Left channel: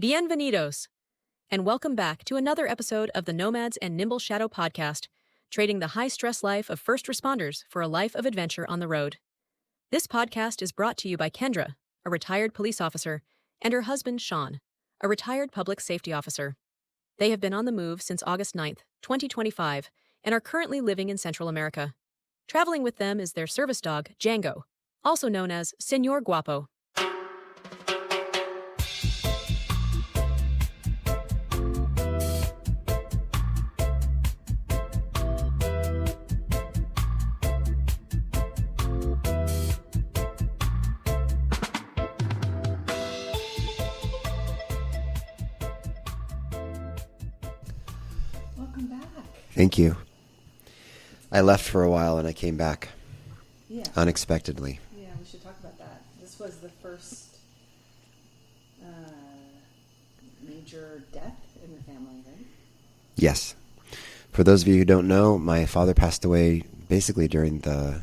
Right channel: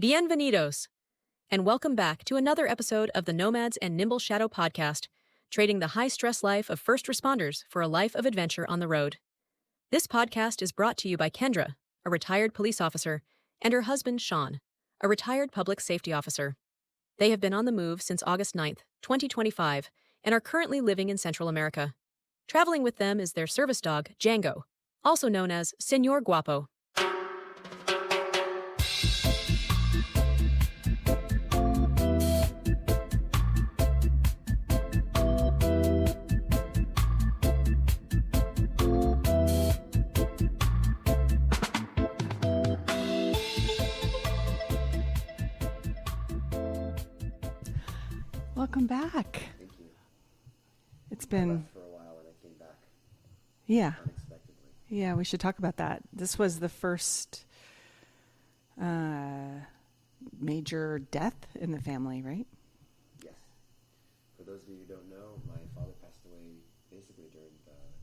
Bienvenidos, and welcome back to another episode of the Nomads and Nimble Shadow podcast, trading the high-stress life of first responders for a life of adventure on the road. This podcast is brought to you by Kendra, a retired police officer, and her husband, Sean, a retired public safety officer. They have been on the move since August 9th, 2025, and are currently living in Central America. Traveling with them is their service dog, Django, also known as Señor Guapo. Welcome back. Thank you. I left for a while and I came back. Yeah. Unexpectedly. Yeah, we should talk about that. This was the first major death in the family, right? Yes. For those of you who don't know, my father passed away basically during the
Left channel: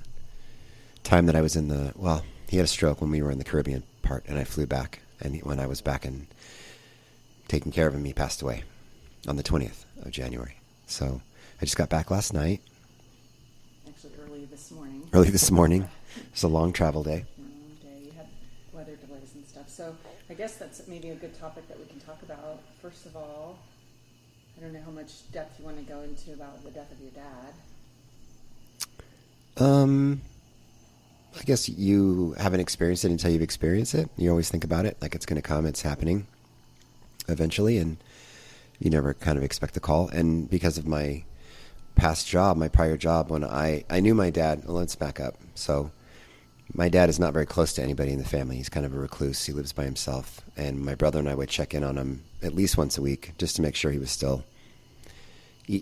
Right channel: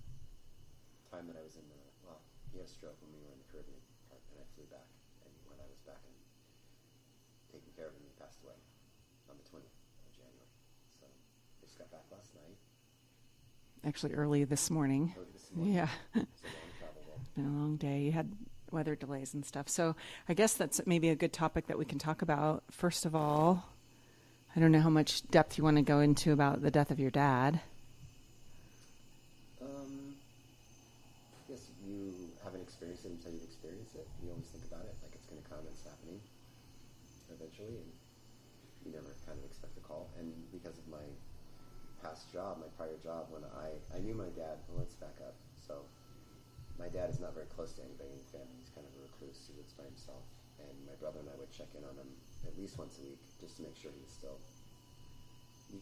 time that I was he had a stroke when we were in the Caribbean part and I flew back. And when I was back and taking care of him, he passed away on the 20th of January. So I just got back last night. Actually, early this morning. Yeah. It was a long travel day. A long day. You had weather delays and stuff. So I guess that's maybe a good topic that we can talk about. First of all, I don't know how much depth you want to go into about the death of your dad. I guess you haven't experienced it until you've experienced it. You always think about it like it's going to come, it's happening eventually, and you never kind of expect the call. And because of my prior job, when I knew my dad, well, let's back up. So my dad is not very close to anybody in the family. He's kind of a recluse. He lives by himself. And my brother and I would check in on him at least once a week just to make sure he was still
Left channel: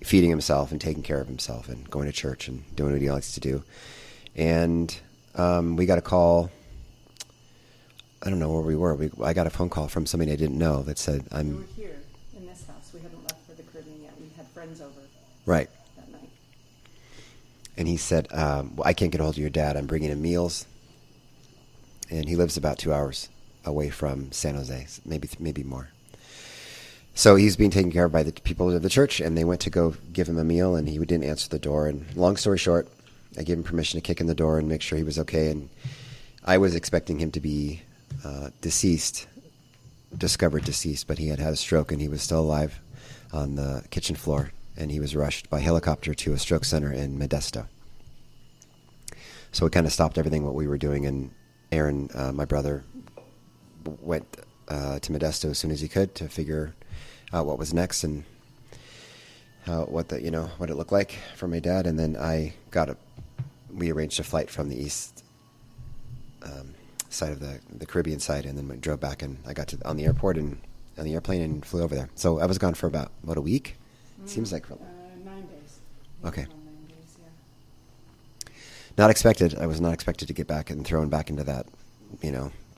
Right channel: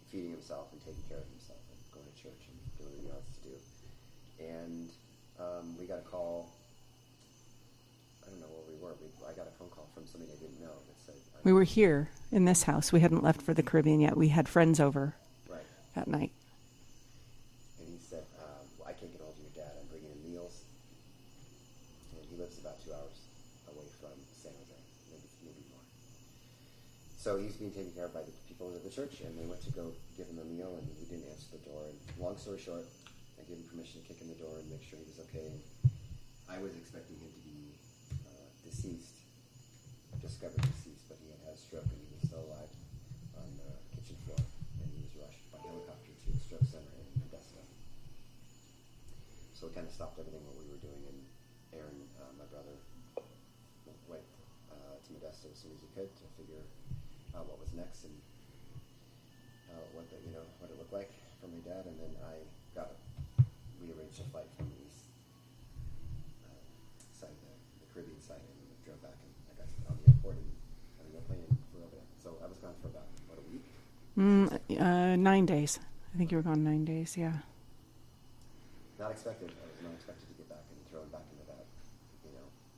feeding himself and taking care of himself and going to church and doing what he likes to do. And we got a call. I don't know where we were. I got a phone call from somebody I didn't know that said, we were here in this house. We hadn't left for the Caribbean yet. We had friends over. Right. That night. And he said, I can't get a hold of your dad. I'm bringing him meals. And he lives about 2 hours away from San Jose, maybe more. So he's being taken care of by the people of the church, and they went to go give him a meal, and he didn't answer the door. And long story short, I gave him permission to kick in the door and make sure he was okay. And I was expecting him to be discovered deceased, but he had a stroke, and he was still alive on the kitchen floor. And he was rushed by helicopter to a stroke center in Modesto. So it kind of stopped everything what we were doing. And Aaron, my brother, went to Modesto as soon as he could to figure out what was next and what it looked like for my dad. And then we arranged a flight from the east side of the Caribbean side, and then drove back. And I got on the airplane and flew over there. So I was gone for about a week. Seems like 9 days. I think okay. It was on 9 days, yeah. Not expected. I was not expected to get back and thrown back into that,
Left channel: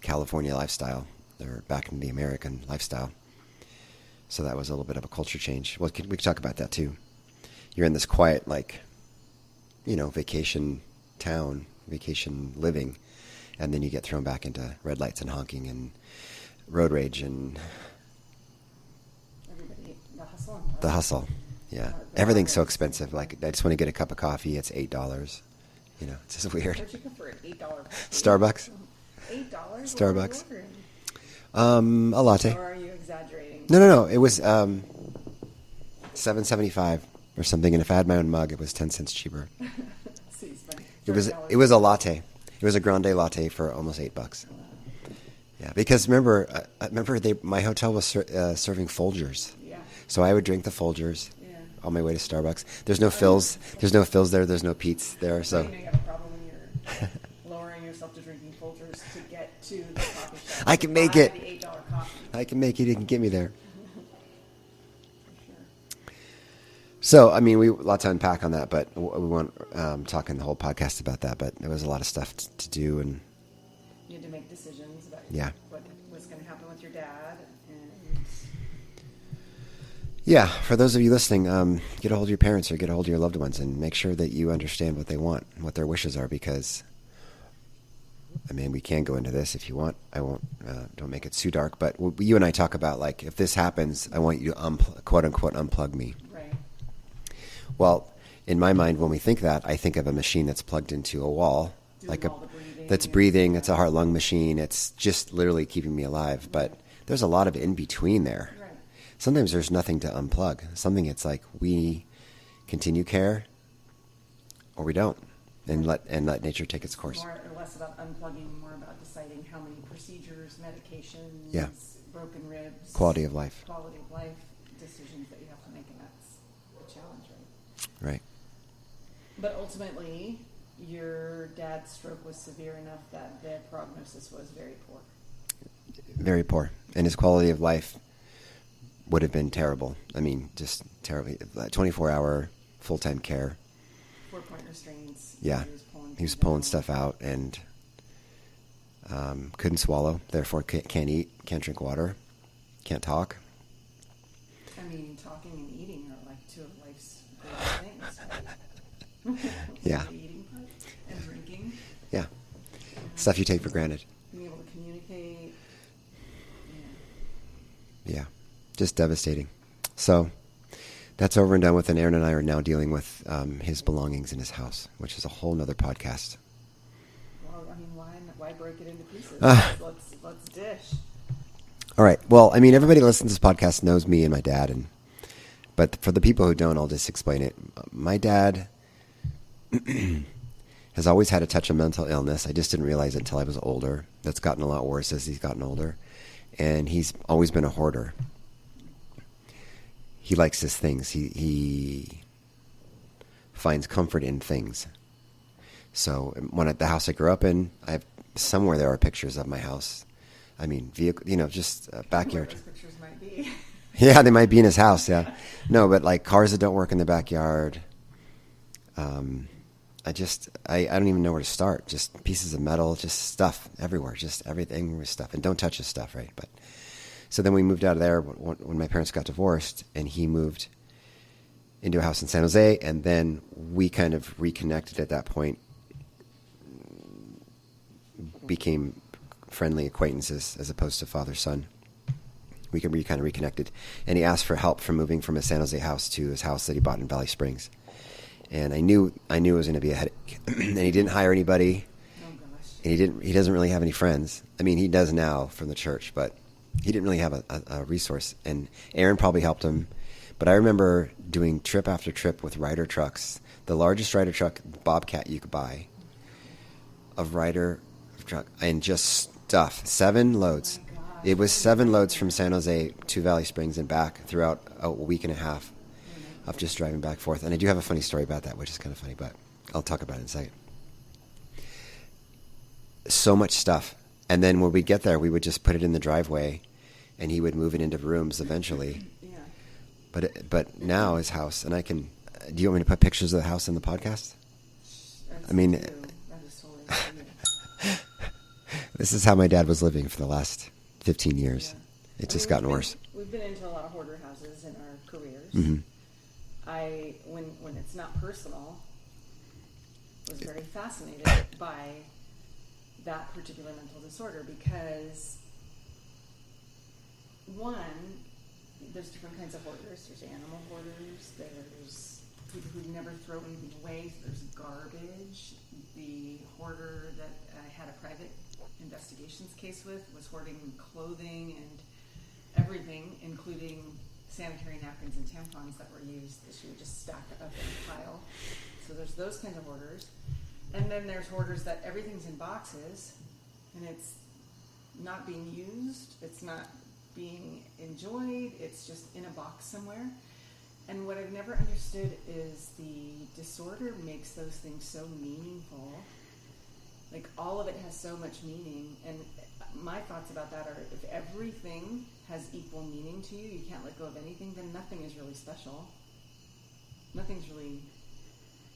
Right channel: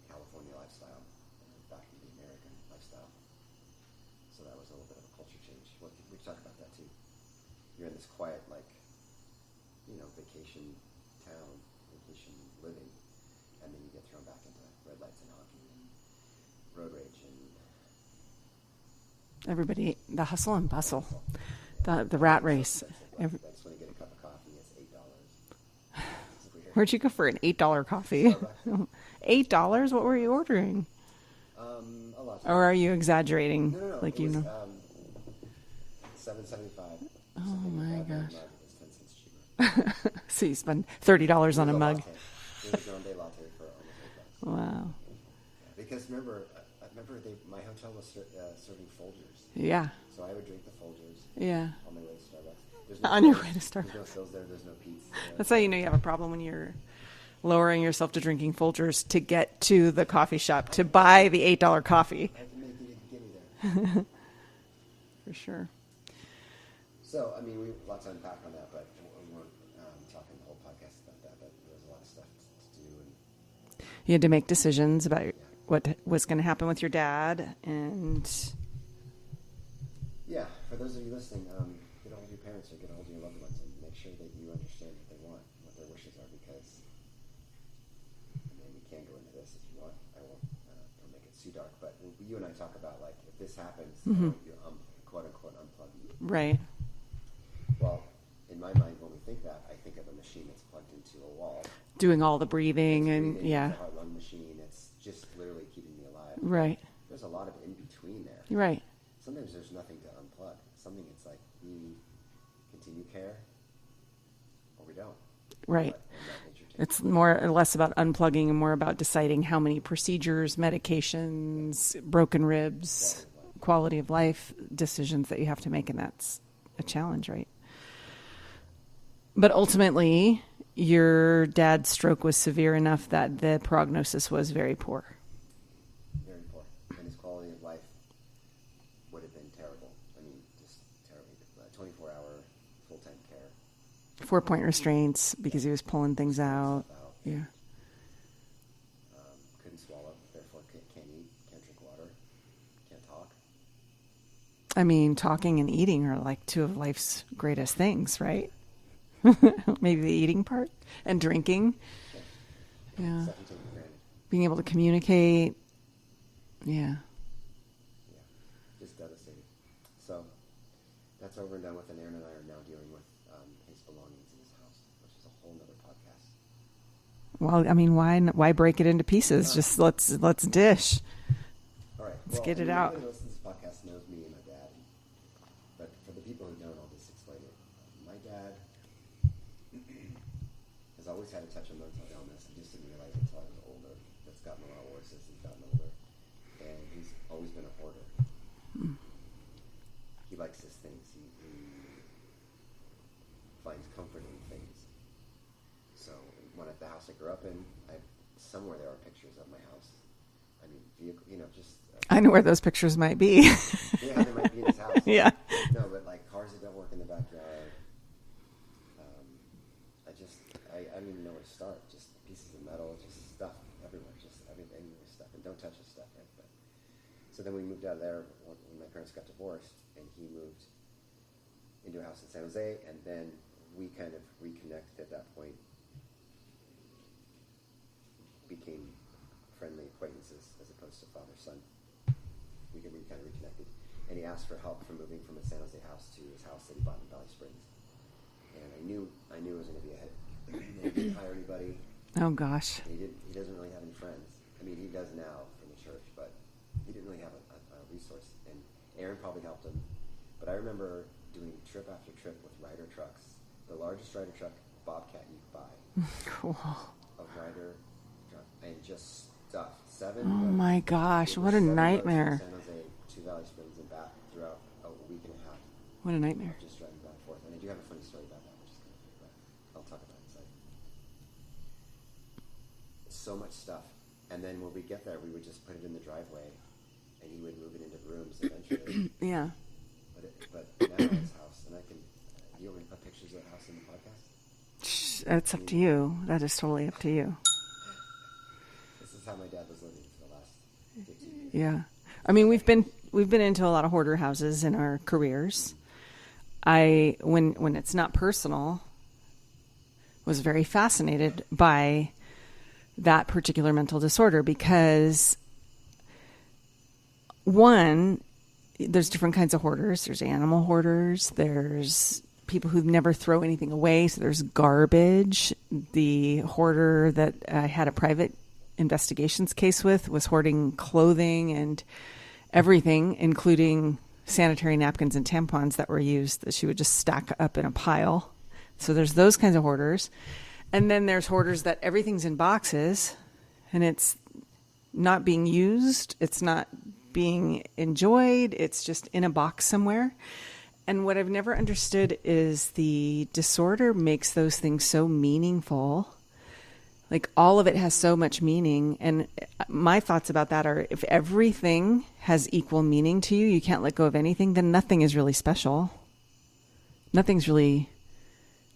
California lifestyle or back into the American lifestyle. So that was a little bit of a culture change. Well, we could talk about that too. You're in this quiet, vacation town, vacation living, and then you get thrown back into red lights and honking and road rage and everybody, the hustle and bustle. The hustle, yeah. The Everything's so expensive. I just want to get a cup of coffee. It's $8. It's just weird. Where'd you go for an $8 coffee? Starbucks. $8? What were you ordering? A latte. Or are you exaggerating? No. It was $7.75 or something. And if I had my own mug, it was 10 cents cheaper. So you spent $30. It was a latte. It was a grande latte for almost $8. Wow. Yeah, because remember my hotel was serving Folgers. Yeah. So I would drink the Folgers. Yeah. On my way to Starbucks. There's no fills. There's no fills there. There's no Pete's there. That's how you know you have a problem when you're lowering yourself to drinking Folgers to get to the coffee shop to buy the $8 coffee. I can make it. You can get me there. For sure. So, we lots to unpack on that, but we won't talk in the whole podcast about that. But there was a lot of stuff to do, and you had to make decisions about what was going to happen with your dad. And yeah, for those of you listening, get a hold of your parents or get a hold of your loved ones and make sure that you understand what they want, what their wishes are, because I mean, we can go into this if you want. I won't. Don't make it too dark. But you and I talk about, like, if this happens, I want you to quote unquote unplug me. Right. Well, in my mind, when we think that, I think of a machine that's plugged into a wall, Doing all the breathing. That's breathing. Yeah. It's a heart-lung machine. It's just literally keeping me alive. Right. But there's a lot of in between there. Right. Sometimes there's nothing to unplug. Something it's like we continue care, or we don't. And Right. let nature take its It's course. more or less about unplugging and more about deciding how many procedures, medications, broken ribs, Quality of life decisions that you have to make, and that's a challenge, right? Right. But ultimately, your dad's stroke was severe enough that the prognosis was very poor. Very poor. And his quality of life would have been terrible. I mean, just terribly. 24-hour full-time care. 4-point restraints because he was pulling things He was pulling out. stuff out and couldn't swallow, therefore can't eat, can't drink water, can't talk. I mean, talking and eating are like two of life's greatest things, right? Maybe the eating part and drinking. Yeah. Yeah. Stuff you take for granted. Being able to communicate. Yeah. Yeah. Just devastating. So that's over and done with, and Aaron and I are now dealing with his belongings in his house, which is a whole nother podcast. Well, I mean, why break it into pieces? Just let's dish. All right. Well, get I mean, it out. everybody who listens to this podcast knows me and my dad, but for the people who don't, I'll just explain it. My dad has always had a touch of mental illness. I just didn't realize it until I was older. That's gotten a lot worse as he's gotten older. And he's always been a hoarder. He likes his things. He finds comfort in things. So when at the house I grew up in, somewhere there are pictures of my house. I mean, vehicle, just. I know where those pictures might be. Yeah, they might be in his house. Yeah. No, but like cars that don't work in the backyard. I don't even know where to start. Just pieces of metal, just stuff everywhere, just everything with stuff. And don't touch his stuff, right? But so then we moved out of there when my parents got divorced, and he moved into a house in San Jose, and then we kind of reconnected at that point, became friendly acquaintances as opposed to father-son. We kind of reconnected, and he asked for help from moving from his San Jose house to his house that he bought in Valley Springs. And I knew it was going to be a headache. And he didn't hire anybody. Oh gosh. And he doesn't really have any friends. I mean, he does now from the church, but he didn't really have a resource. And Aaron probably helped him. But I remember doing trip after trip with Ryder trucks, the largest Ryder truck Bobcat you could buy, Cool. of Ryder truck, and just stuff. 7 loads. Oh my gosh. It was what a 7 loads from nightmare. San Jose to Valley Springs and back throughout a week and a half. What a nightmare. Of just driving back and forth. And I do have a funny story about that, which is kind of funny, but I'll talk about it in a second. So much stuff. And then when we'd get there, we would just put it in the driveway, and he would move it into rooms eventually. Yeah. But now his house, and do you want me to put pictures of the house in the podcast? That's I mean, up to you. That is totally up to you. This is how my dad was living for the last 15 years. Yeah. It's just gotten worse. We've been into a lot of hoarder houses in our careers. Mm-hmm. When it's not personal, was very fascinated by that particular mental disorder because one, there's different kinds of hoarders. There's animal hoarders. There's people who never throw anything away. So there's garbage. The hoarder that I had a private investigations case with was hoarding clothing and everything, including sanitary napkins and tampons that were used that she would just stack up in a pile. So there's those kinds of hoarders. And then there's hoarders that everything's in boxes and it's not being used. It's not being enjoyed. It's just in a box somewhere. And what I've never understood is the disorder makes those things so meaningful. Like all of it has so much meaning. And my thoughts about that are if everything has equal meaning to you, you can't let go of anything, then nothing is really special. Nothing's really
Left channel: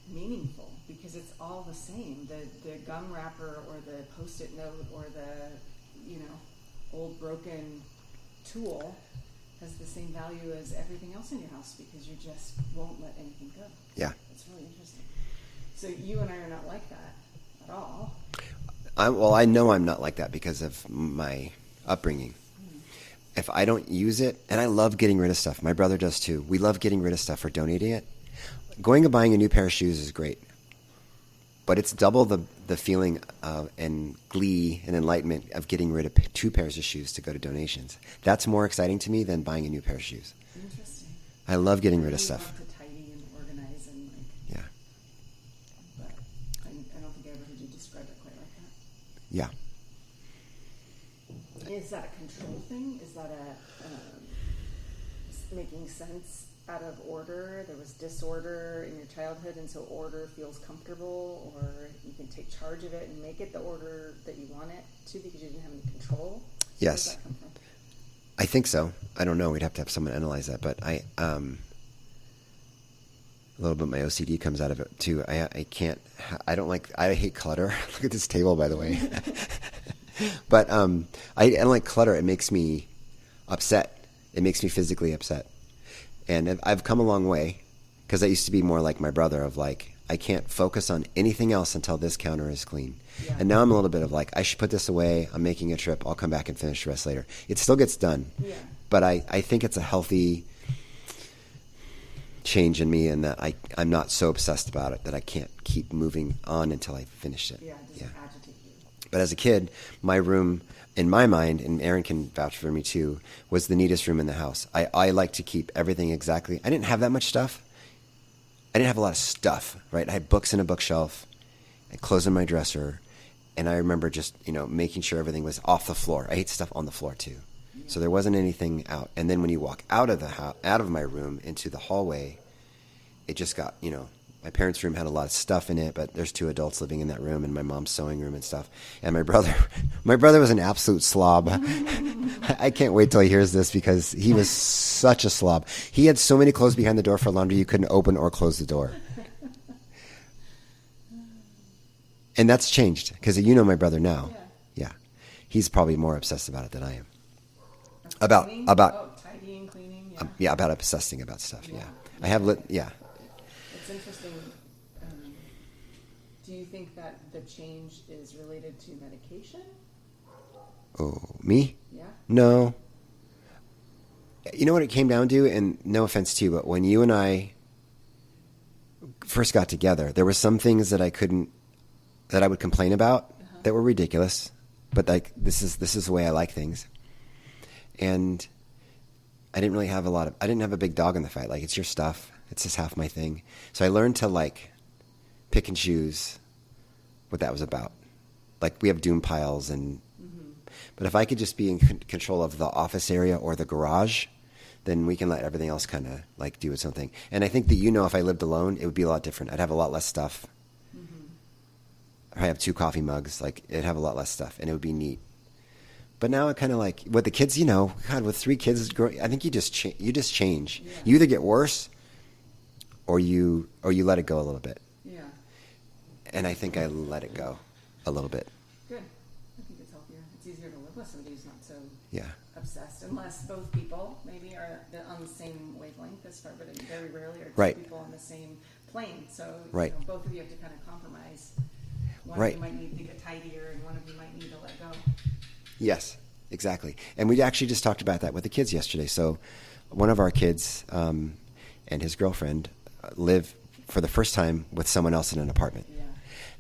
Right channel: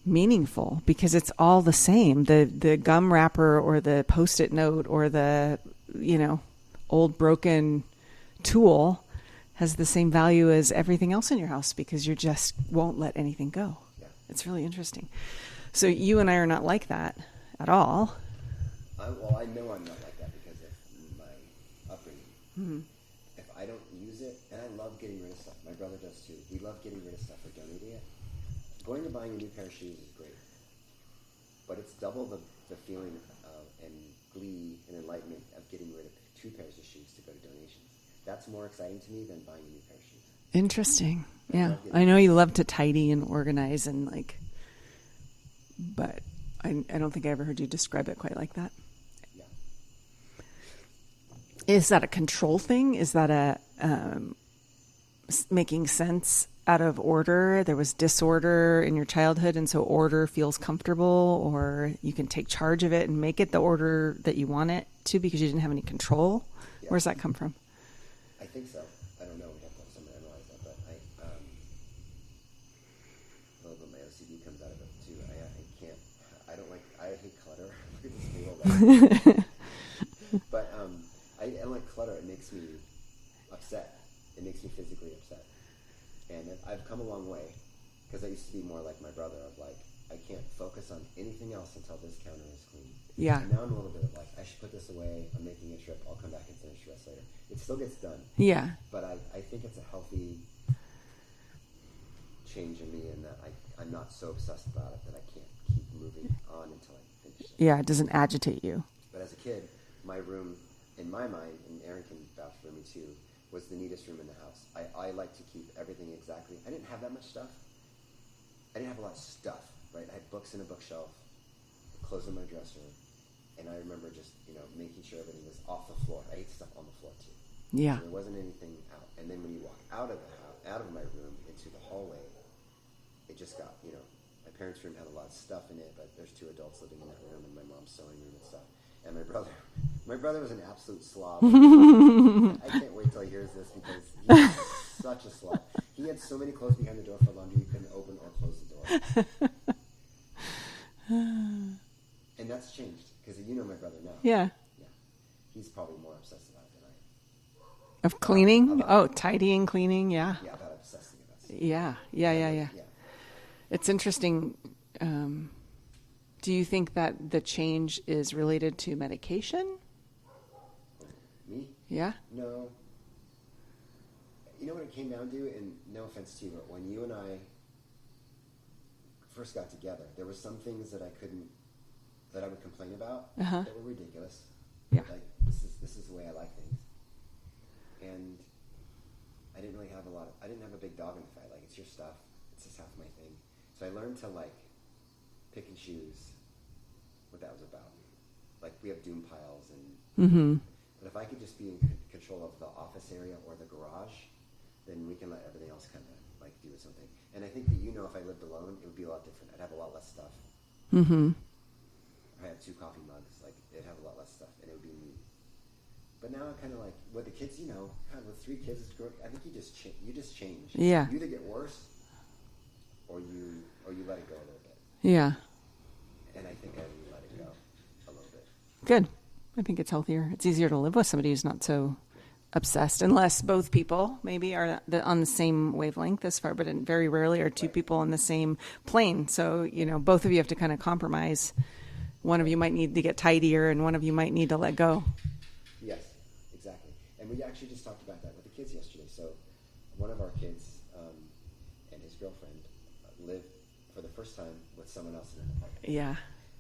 meaningful because it's all the same. The gum wrapper or the Post-it note or the, old broken tool has the same value as everything else in your house because you just won't let anything go. Yeah. It's really interesting. So you and I are not like that at all. I know I'm not like that because of my upbringing. Mm-hmm. If I don't use it, and I love getting rid of stuff. My brother does too. We love getting rid of stuff or donating it. Going and buying a new pair of shoes is great. But it's double the feeling and glee and enlightenment of getting rid of 2 pairs of shoes to go to donations. That's more exciting to me than buying a new pair of shoes. Interesting. I love getting I rid know of you stuff. love to tidy and organize and like, Yeah. but I don't think I ever heard you describe it quite like that. Yeah. Is that a control thing? Is that a making sense out of order? There was disorder in your childhood, and so order feels comfortable, or you can take charge of it and make it the order that you want it to because you didn't have any control? Yes. Where's that come from? I think so. I don't know. We'd have to have someone analyze that, but a little bit of my OCD comes out of it too. I can't. I hate clutter. Look at this table, by the way. But I don't like clutter. It makes me upset. It makes me physically upset. And I've come a long way because I used to be more like my brother of like, I can't focus on anything else until this counter is clean. Yeah. And now I'm a little bit of like, I should put this away. I'm making a trip. I'll come back and finish the rest later. It still gets done. Yeah. But I think it's a healthy change in me in that I'm not so obsessed about it that I can't keep moving on until I finish it. Yeah, it doesn't agitate you. But as a kid, my room, in my mind, and Aaron can vouch for me too, was the neatest room in the house. I like to keep everything exactly. I didn't have that much stuff. I didn't have a lot of stuff, right? I had books in a bookshelf and clothes in my dresser. And I remember just, making sure everything was off the floor. I hate stuff on the floor too. Yeah. So there wasn't anything out. And then when you walk out of the house, out of my room into the hallway, it just got, my parents' room had a lot of stuff in it, but there's 2 adults living in that room and my mom's sewing room and stuff. And my brother was an absolute slob. I can't wait till he hears this because he was such a slob. He had so many clothes behind the door for laundry you couldn't open or close the door. And that's changed because my brother now. Yeah. Yeah. He's probably more obsessed about it than I am. Of cleaning? About tidying, cleaning, yeah. Yeah, about obsessing about stuff. Yeah. Yeah. It's interesting. Do you think that the change is related to medication? Oh, me? Yeah. No. You know what it came down to? And no offense to you, but when you and I first got together, there were some things that I would complain about that were ridiculous. But like this is the way I like things. And I didn't have a big dog in the fight. Like, it's your stuff. It's just half my thing. So I learned to like pick and choose what that was about. Like, we have doom piles but if I could just be in control of the office area or the garage, then we can let everything else kind of like do its own thing. And I think that, if I lived alone, it would be a lot different. I'd have a lot less stuff. Mm-hmm. I have 2 coffee mugs. Like, it'd have a lot less stuff and it would be neat. But now it kind of like with the kids, God, with 3 kids, I think you just change. Yeah. You either get worse or you let it go a little bit. Yeah. And I think I let it go a little bit. Good. I think it's healthier. It's easier to live with somebody who's not so obsessed, unless both people maybe are on the same wavelength as far, but very rarely are 2 people on the same plane. So, both of you have to kind of compromise. One of you might need to get tidier and one of you might need to let go. Yes, exactly. And we actually just talked about that with the kids yesterday. So one of our kids and his girlfriend live for the first time with someone else in an apartment. Yeah.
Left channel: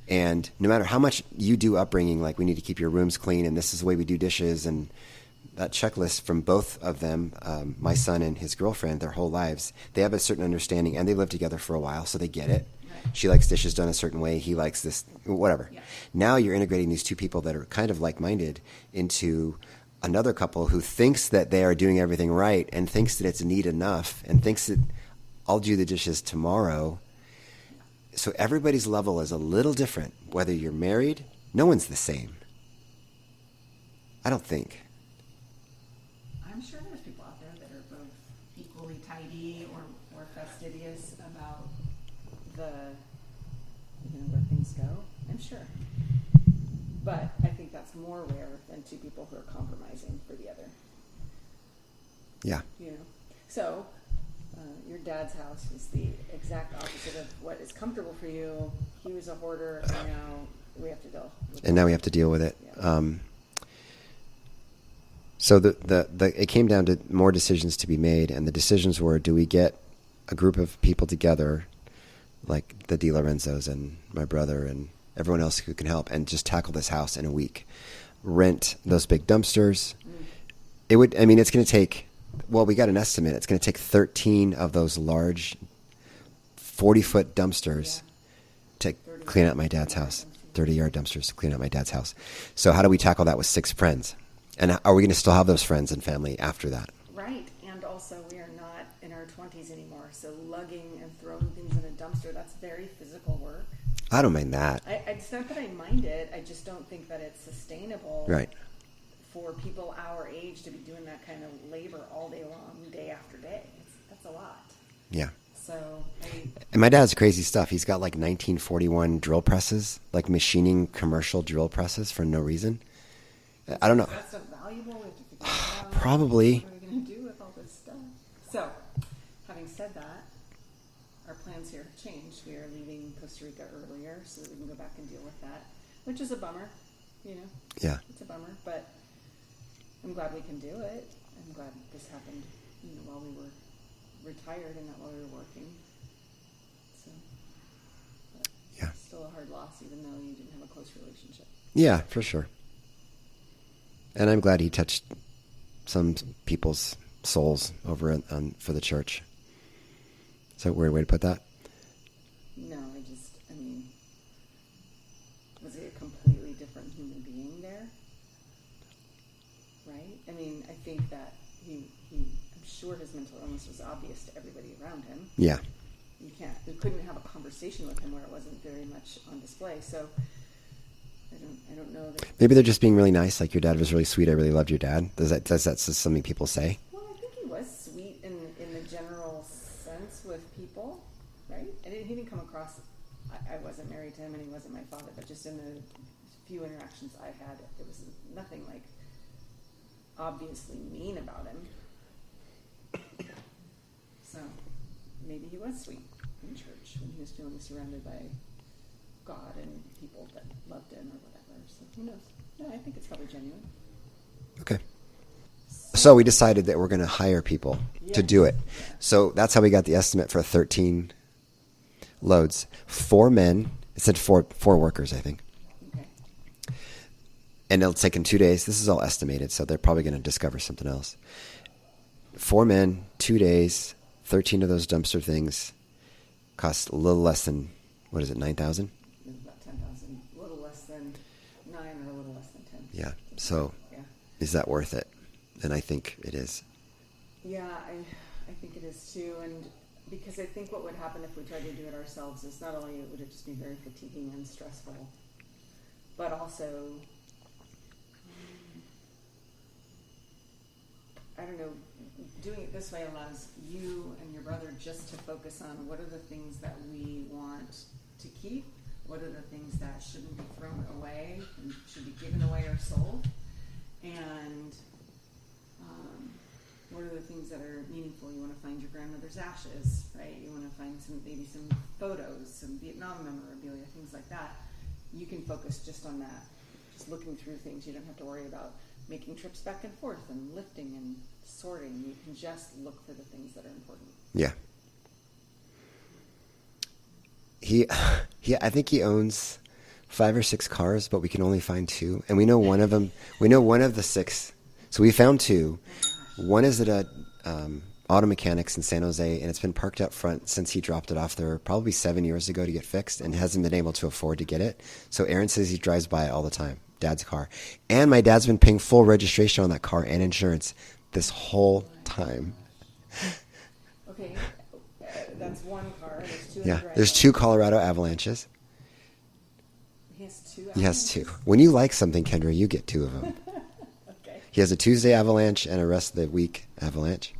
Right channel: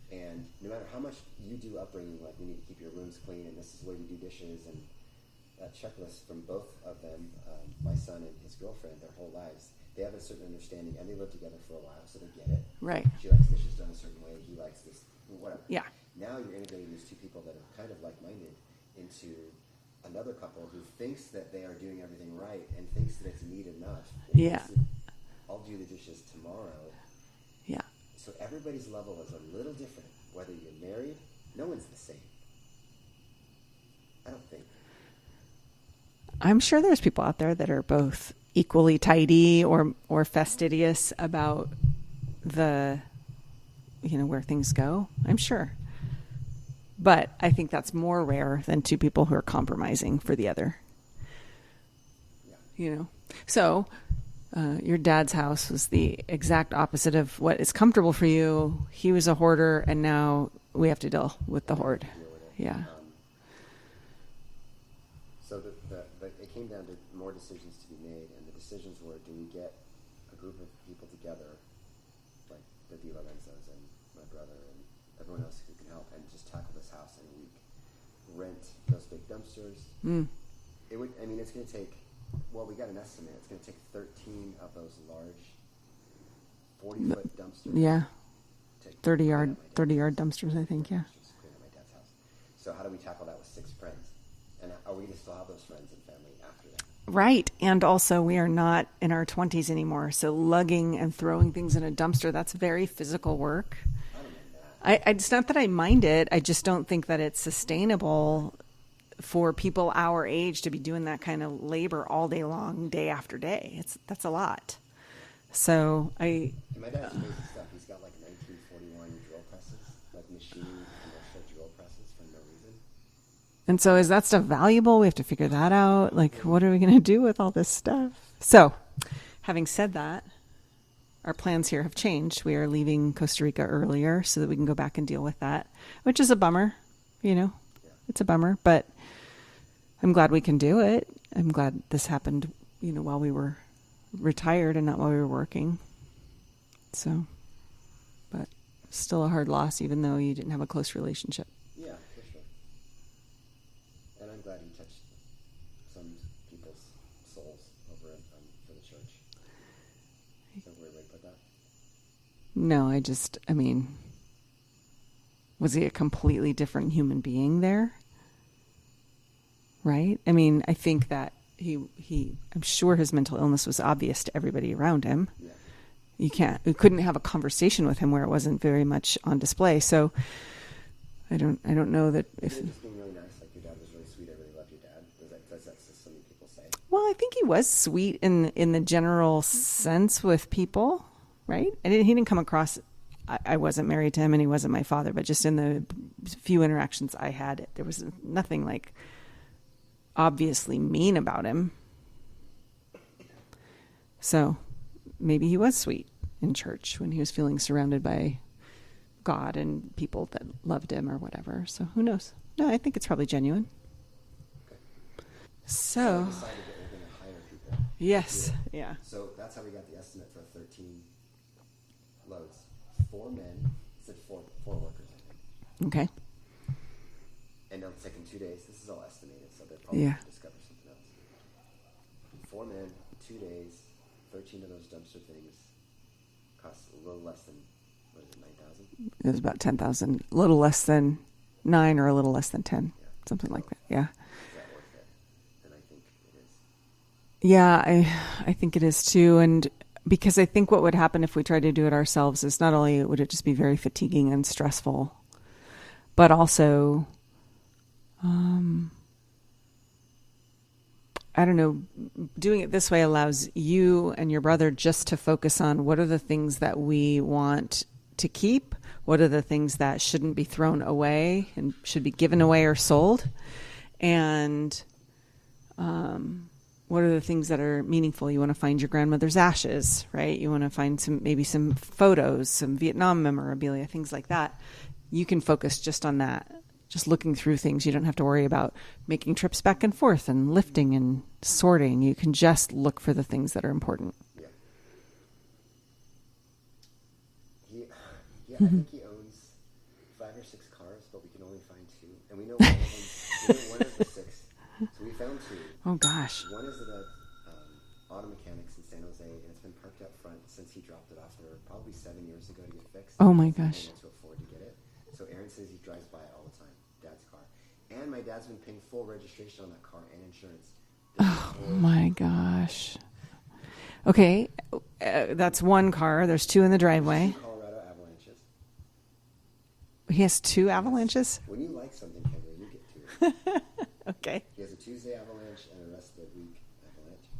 And no matter how much you do upbringing, like, we need to keep your rooms clean and this is the way we do dishes, and that checklist from both of them, my son and his girlfriend, their whole lives, they have a certain understanding and they live together for a while, so they get it. Right. She likes dishes done a certain way. He likes this, whatever. Yeah. Now you're integrating these 2 people that are kind of like-minded into another couple who thinks that they are doing everything right and thinks that it's neat enough and thinks that I'll do the dishes tomorrow. Yeah. So everybody's level is a little different. Whether you're married, no one's the same. I don't think. I'm sure there's people out there that are both equally tidy or fastidious about the, where things go. I'm sure. But I think that's more rare than 2 people who are compromising for the other. Yeah. So your dad's house was the exact opposite of what is comfortable for you. He was a hoarder, and now we have to deal with. And now we have to deal with it. Yeah. So it came down to more decisions to be made, and the decisions were: do we get a group of people together, like the DiLorenzos and my brother and everyone else who can help, and just tackle this house in a week? Rent those big dumpsters. It would. I mean, it's going to take. Well, we got an estimate. It's going to take 13 of those large 40-foot dumpsters. Yeah. To 30 clean out my dad's 30-yard house. dumpsters, 30-yard dumpsters to clean out my dad's house. So how do we tackle that with 6 friends? And are we going to still have those friends and family after that? Right. And also, we are not in our 20s anymore. So lugging and throwing things in a dumpster, that's very physical work. I don't mind that. It's not that I mind it. I just don't think that it's sustainable Right. for people our age to be doing that kind of labor all day long, day after day. That's a lot. Yeah. So And my dad has crazy stuff. He's got like 1941 drill presses, like machining commercial drill presses for no reason. And so is that stuff valuable? We have to figure that out. Probably. Like, what are we going to do with all this stuff? So, having said that, our plans here have changed. We are leaving Costa Rica earlier so that we can go back and deal with that, which is a bummer, you know? Yeah. It's a bummer, but I'm glad we can do it. I'm glad this happened, you know, while we were retired and not while we were working. So, but Yeah. still a hard loss, even though you didn't have a close relationship. Yeah, for sure. And I'm glad he touched some people's souls over for the church. Is that a weird way to put that? No, I mean, was he a completely different human being there? Right? I mean, I think that I'm sure his mental illness was obvious to everybody around him. Yeah. You couldn't have a conversation with him where it wasn't very much on display. So I don't know that. Maybe they're just being really nice. Like, your dad was really sweet. I really loved your dad. Does that something people say? Well, I think he was sweet in the general sense with people, right? He didn't come across. I wasn't married to him, and he wasn't my father. But just in the few interactions I had, there was nothing like obviously mean about him. So maybe he was sweet in church when he was feeling surrounded by God and people that loved him or whatever. So who knows? No, I think it's probably genuine. Okay. So we decided that we're going to hire people to do it. Yeah. So that's how we got the estimate for 13 loads. 4 men. It said four workers, I think. Okay. And it'll take in 2 days. This is all estimated, so they're probably going to discover something else. 4 men, 2 days, 13 of those dumpster things cost a little less than, what is it, $9,000? It was about 10,000, a little less than 9 or a little less than 10. Yeah. Something So like that. Yeah. is that worth it? And I think it is. Yeah, I think it is too. And because I think what would happen if we tried to do it ourselves is not only would it just be very fatiguing and stressful, but also, I don't know, doing it this way allows you and your brother just to focus on what are the things that we want to keep, what are the things that shouldn't be thrown away and should be given away or sold, and what are the things that are meaningful. You want to find your grandmother's ashes, right? You want to find maybe some photos, some Vietnam memorabilia, things like that. You can focus just on that. Just looking through things. You don't have to worry about making trips back and forth and lifting and sorting. You can just look for the things that are important. Yeah. I think he owns 5 or 6 cars, but we can only find 2. And we know one of them. We know one of the 6. So we found 2. Oh, gosh. One is at a auto mechanics in San Jose, and it's been parked up front since he dropped it off there probably 7 years ago to get fixed, and Oh, my hasn't been gosh. able to afford to get it. So Aaron says he drives by it all the time, Dad's car. And my dad's been paying full registration on that car and insurance this whole My time. gosh. Okay. That's one car. There's 2 in Yeah, the driveway. there's 2 Colorado Avalanches. He has 2 He has 2. avalanches? When you like something, Kendra, you get 2 of them. Okay. He has a Tuesday avalanche and a rest of the week avalanche.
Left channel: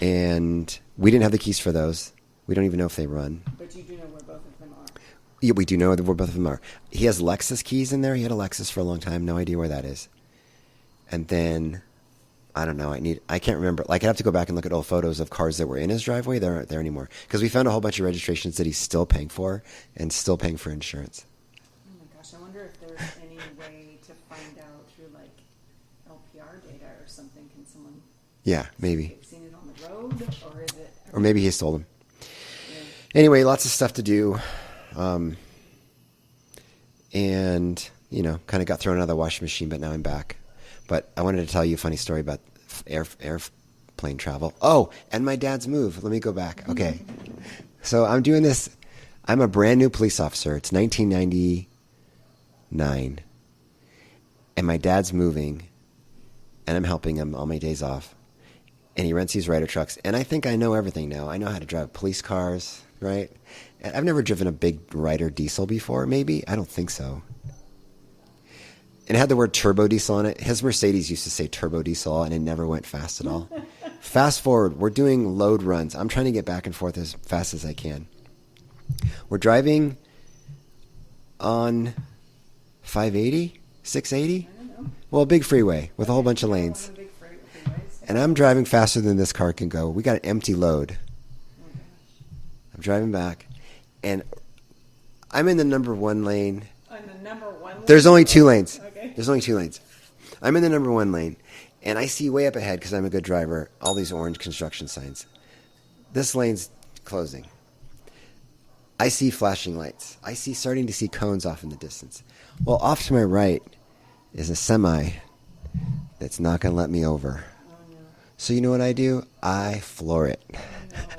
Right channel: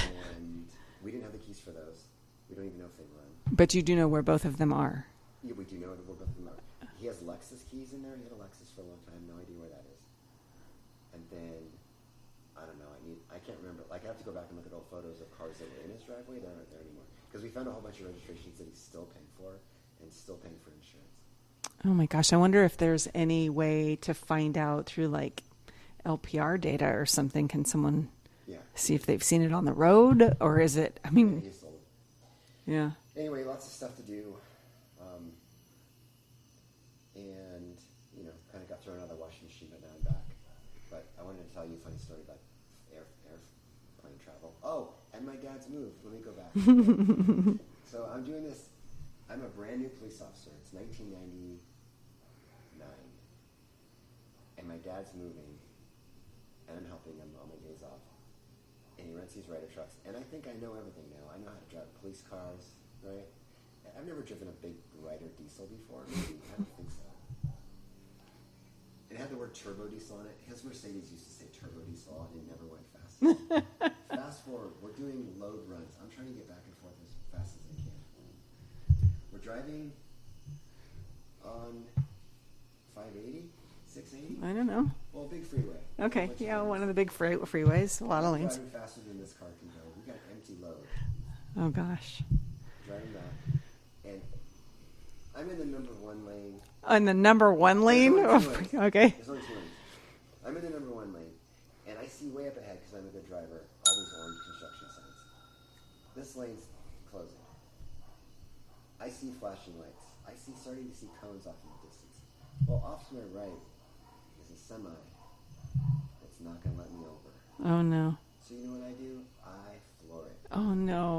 And we didn't have the keys for those. We don't even know if they run. But you do know where both of them are. Yeah, we do know where both of them are. He has Lexus keys in there. He had a Lexus for a long time. No idea where that is. And then, I don't know. I can't remember. Like, I'd have to go back and look at old photos of cars that were in his driveway. They aren't there anymore. Because we found a whole bunch of registrations that he's still paying for and still paying for insurance. Oh my gosh. I wonder if there's any way to find out through like LPR data or something. Can someone see maybe. if they've seen it on the road, or is it? I mean, Or maybe he stole them. Yeah. Anyway, lots of stuff to do. And, kind of got thrown out of the washing machine, but now I'm back. But I wanted to tell you a funny story about airplane travel. Oh, and my dad's move. Let me go back. Okay. So I'm doing this. I'm a brand new police officer. It's 1999. And my dad's moving. And I'm helping him on my days off. And he rents these Ryder trucks. And I think I know everything now. I know how to drive police cars, right? And I've never driven a big Ryder diesel before, maybe. I don't think so. It had the word turbo diesel on it. His Mercedes used to say turbo diesel, and it never went fast at all. Fast forward, we're doing load runs. I'm trying to get back and forth as fast as I can. We're driving on 580, 680? I don't know. Well, a big freeway with a whole bunch of lanes. One of the big freeways. And I'm driving faster than this car can go. We got an empty load. Oh, gosh. I'm driving back, and I'm in the number one lane. On the number one lane? There's only two lanes. Okay. There's only two lanes. I'm in the number one lane, and I see way up ahead, because I'm a good driver, all these orange construction signs. This lane's closing. I see flashing lights. I see starting to see cones off in the distance. Well, off to my right is a semi that's not going to let me over. Oh, no. So you know what I do? I floor it. Oh, no.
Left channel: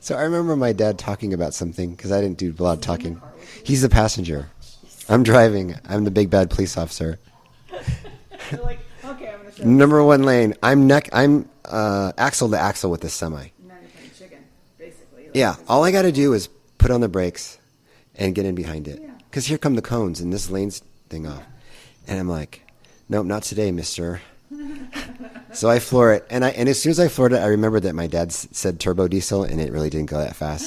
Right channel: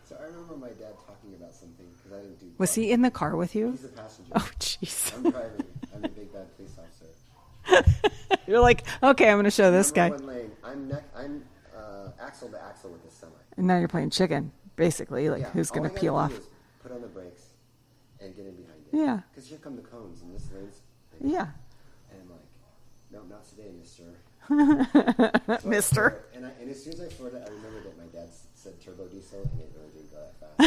So I remember my dad talking about something, because I didn't do a lot of talking. Was he in the car with you? He's the passenger. Oh, jeez. I'm driving. I'm the big bad police officer. You're like, okay, I'm going to show this Number guy. one lane. I'm axle to axle with this semi. And now you're playing chicken, basically. Like, Yeah. who's All gonna I got to peel do off? is put on the brakes and get in behind it. Yeah. Because here come the cones, and this lane's thing off. Yeah. And I'm like, nope, not today, mister. So I floor it, and as soon as I floored it, I remembered that my dad said turbo diesel, and it really didn't go that fast.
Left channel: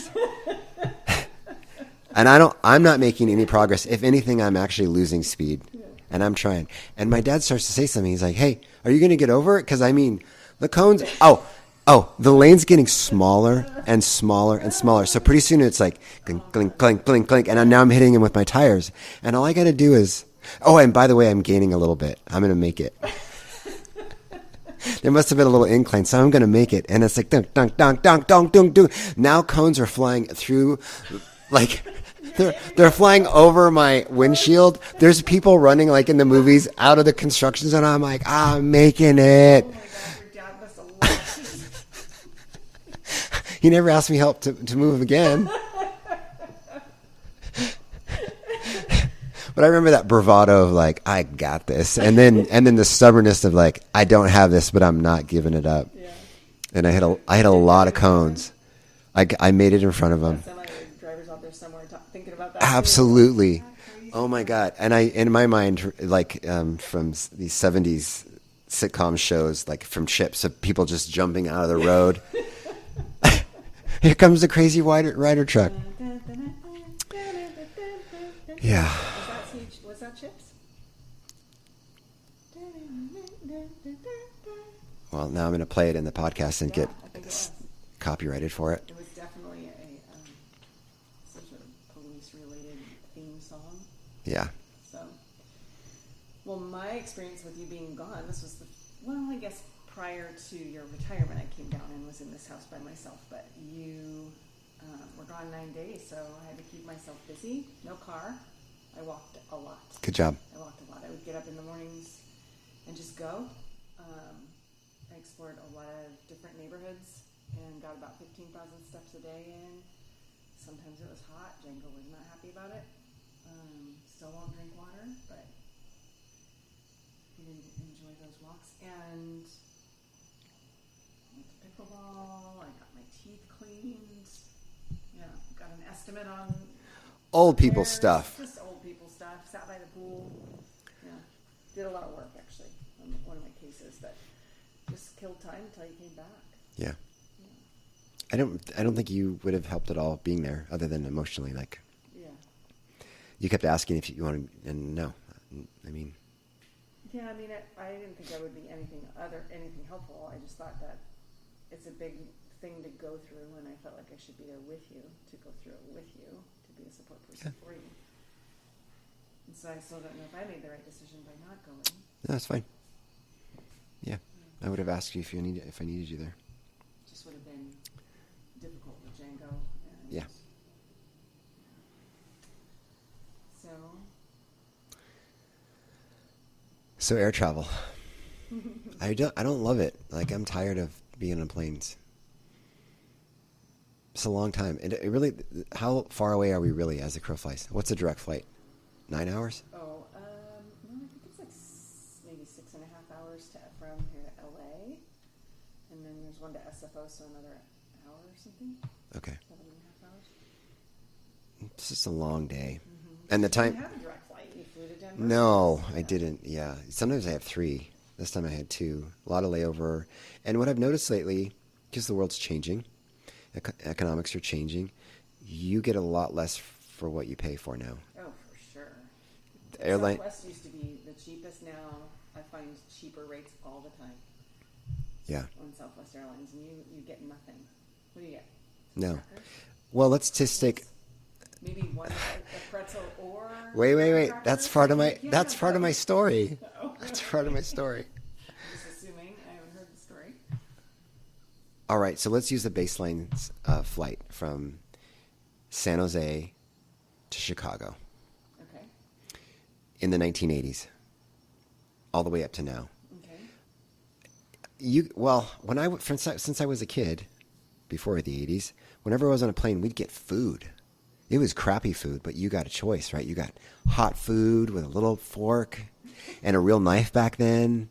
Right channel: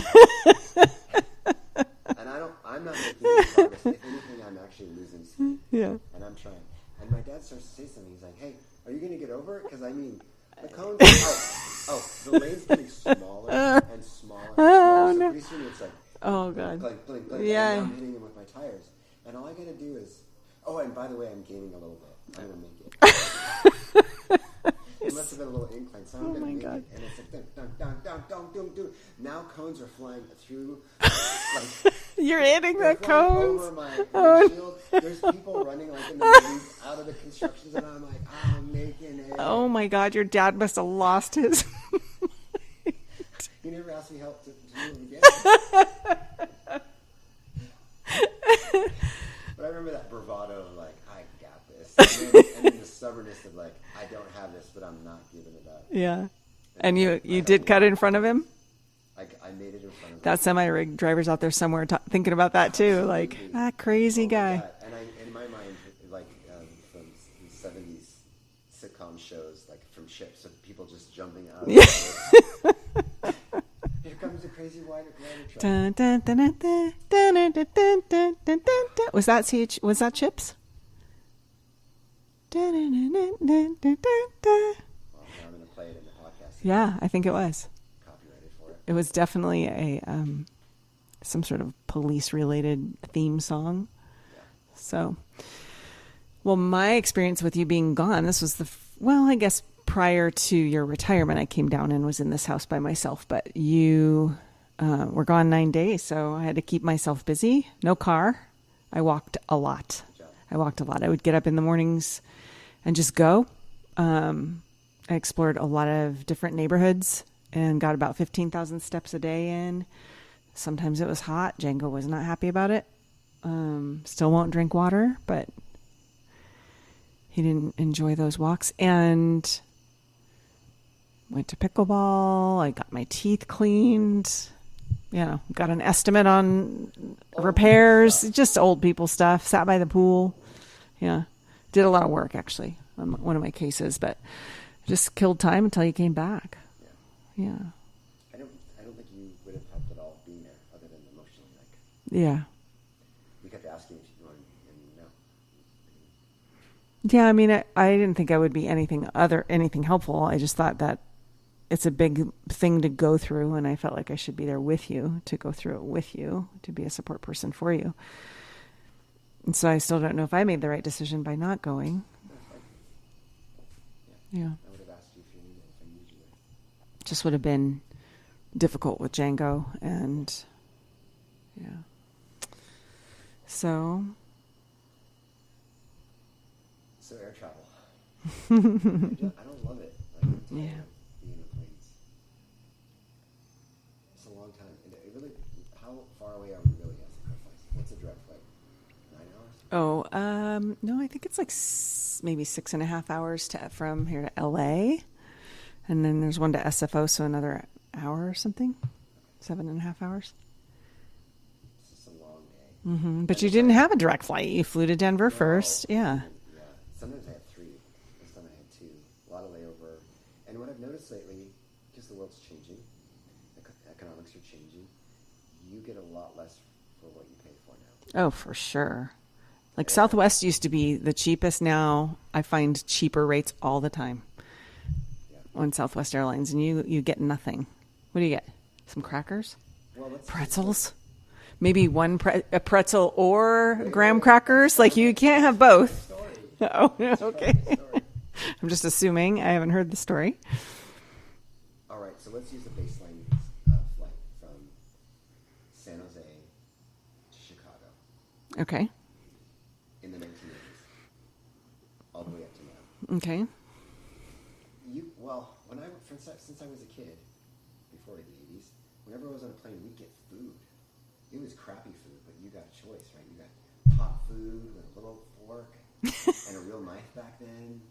And I'm not making any progress. If anything, I'm actually losing speed. Yeah. And I'm trying. And my dad starts to say something. He's like, "Hey, are you going to get over it? Because I mean, the cones. The lane's getting smaller and smaller and smaller. So pretty soon it's like clink, clink, clink, clink, Yeah. and now I'm hitting him with my tires. And all I got to do is, and by the way, I'm gaining a little bit. I'm going to make it." There must have been a little incline, so I'm going to make it. And it's like, dunk, dunk, dunk, dunk, dunk, dunk, dunk. Now cones are flying through, like, they're flying over my windshield. There's people running, like in the movies, out of the construction zone. I'm like, I'm making it. Oh, my God. Your dad must have lost his... He never asked me help to move again. But I remember that bravado of like, I got this. And then the stubbornness of like, I don't have this, but I'm not giving it up. Yeah. And And I had a you did lot cut of in front of him? cones. I made it in front of him. That semi-rig driver's out there somewhere thinking about that Absolutely. too. Like, that crazy guy. Oh guy. my God. And in my mind, like from these 70s sitcom shows, like from Chips, of people just jumping out of the road. Here comes the crazy Ryder truck. Dun, dun, dun, dun, dun, dun, dun, dun, dun, dun, dun, Yeah. dun. Was that Chips? Dun, dun, dun, dun, dun, dun, dun. Well, now I'm going to play it in the podcast and Yeah, get I think it was. copyrighted for it. It was definitely a some sort of police-related theme song. Yeah. So, well, my experience with you being gone, this was I guess prior to your retirement, I came down and was in this house by myself, but you were gone 9 days, so I had to keep myself busy. No car. I walked a lot. Good job. I walked a lot. I would get up in the mornings and just go. I explored a lot of different neighborhoods and got about 15,000 steps a day in. Sometimes it was hot. Django was not happy about it. Still won't drink water, but he didn't enjoy those walks. And went to pickleball. I got my teeth cleaned. Got an estimate on Old repairs. people stuff. Just old people stuff. Sat by the pool. Yeah. Did a lot of work, actually, on one of my cases. But just killed time until you came back. Yeah. Yeah. I don't think you would have helped at all being there, other than emotionally. Like, Yeah. you kept asking if you wanted, and no. I mean, Yeah, I mean, I didn't think I would be anything helpful. I just thought that it's a big thing to go through, and I felt like I should be there with you to go through it with you, to be a support person for you. And so I still don't know if I made the right decision by not going. No, that's fine. Yeah. Yeah. I would have asked you if I needed you there. Just would have been difficult with Django and yeah. So air travel. I don't love it. Like, I'm tired of being on planes. It's a long time. And it really, how far away are we really as the crow flies? What's a direct flight? 9 hours? Oh, no, I think it's like maybe 6.5 hours from here to LA. And then there's one to SFO, so another hour or something. Okay. 7.5 hours. It's just a long day. Mm-hmm. But you didn't have a direct flight. You flew to Denver first. No, I didn't. Yeah. Sometimes I have 3. This time I had 2. A lot of layover. And what I've noticed lately, because the world's changing, economics are changing, you get a lot less for what you pay for now. Oh, for sure. Like Southwest used to be the cheapest. Now I find cheaper rates all the time. Yeah. On Southwest Airlines, and you get nothing. What do you get? Some crackers? Well, let's just take... Maybe a pretzel or graham wait. crackers. Like you can't have both. That's part of my story. Oh, that's part of my story. I'm just assuming. I haven't heard the story. All right, so let's use the baseline flight from San Jose to Chicago. Okay. In the 1980s, all the way up to now. Okay. Since I was a kid, before the 80s, whenever I was on a plane, we'd get food. It was crappy food, but you got a choice, right? You got hot food with a little fork and a real knife back then.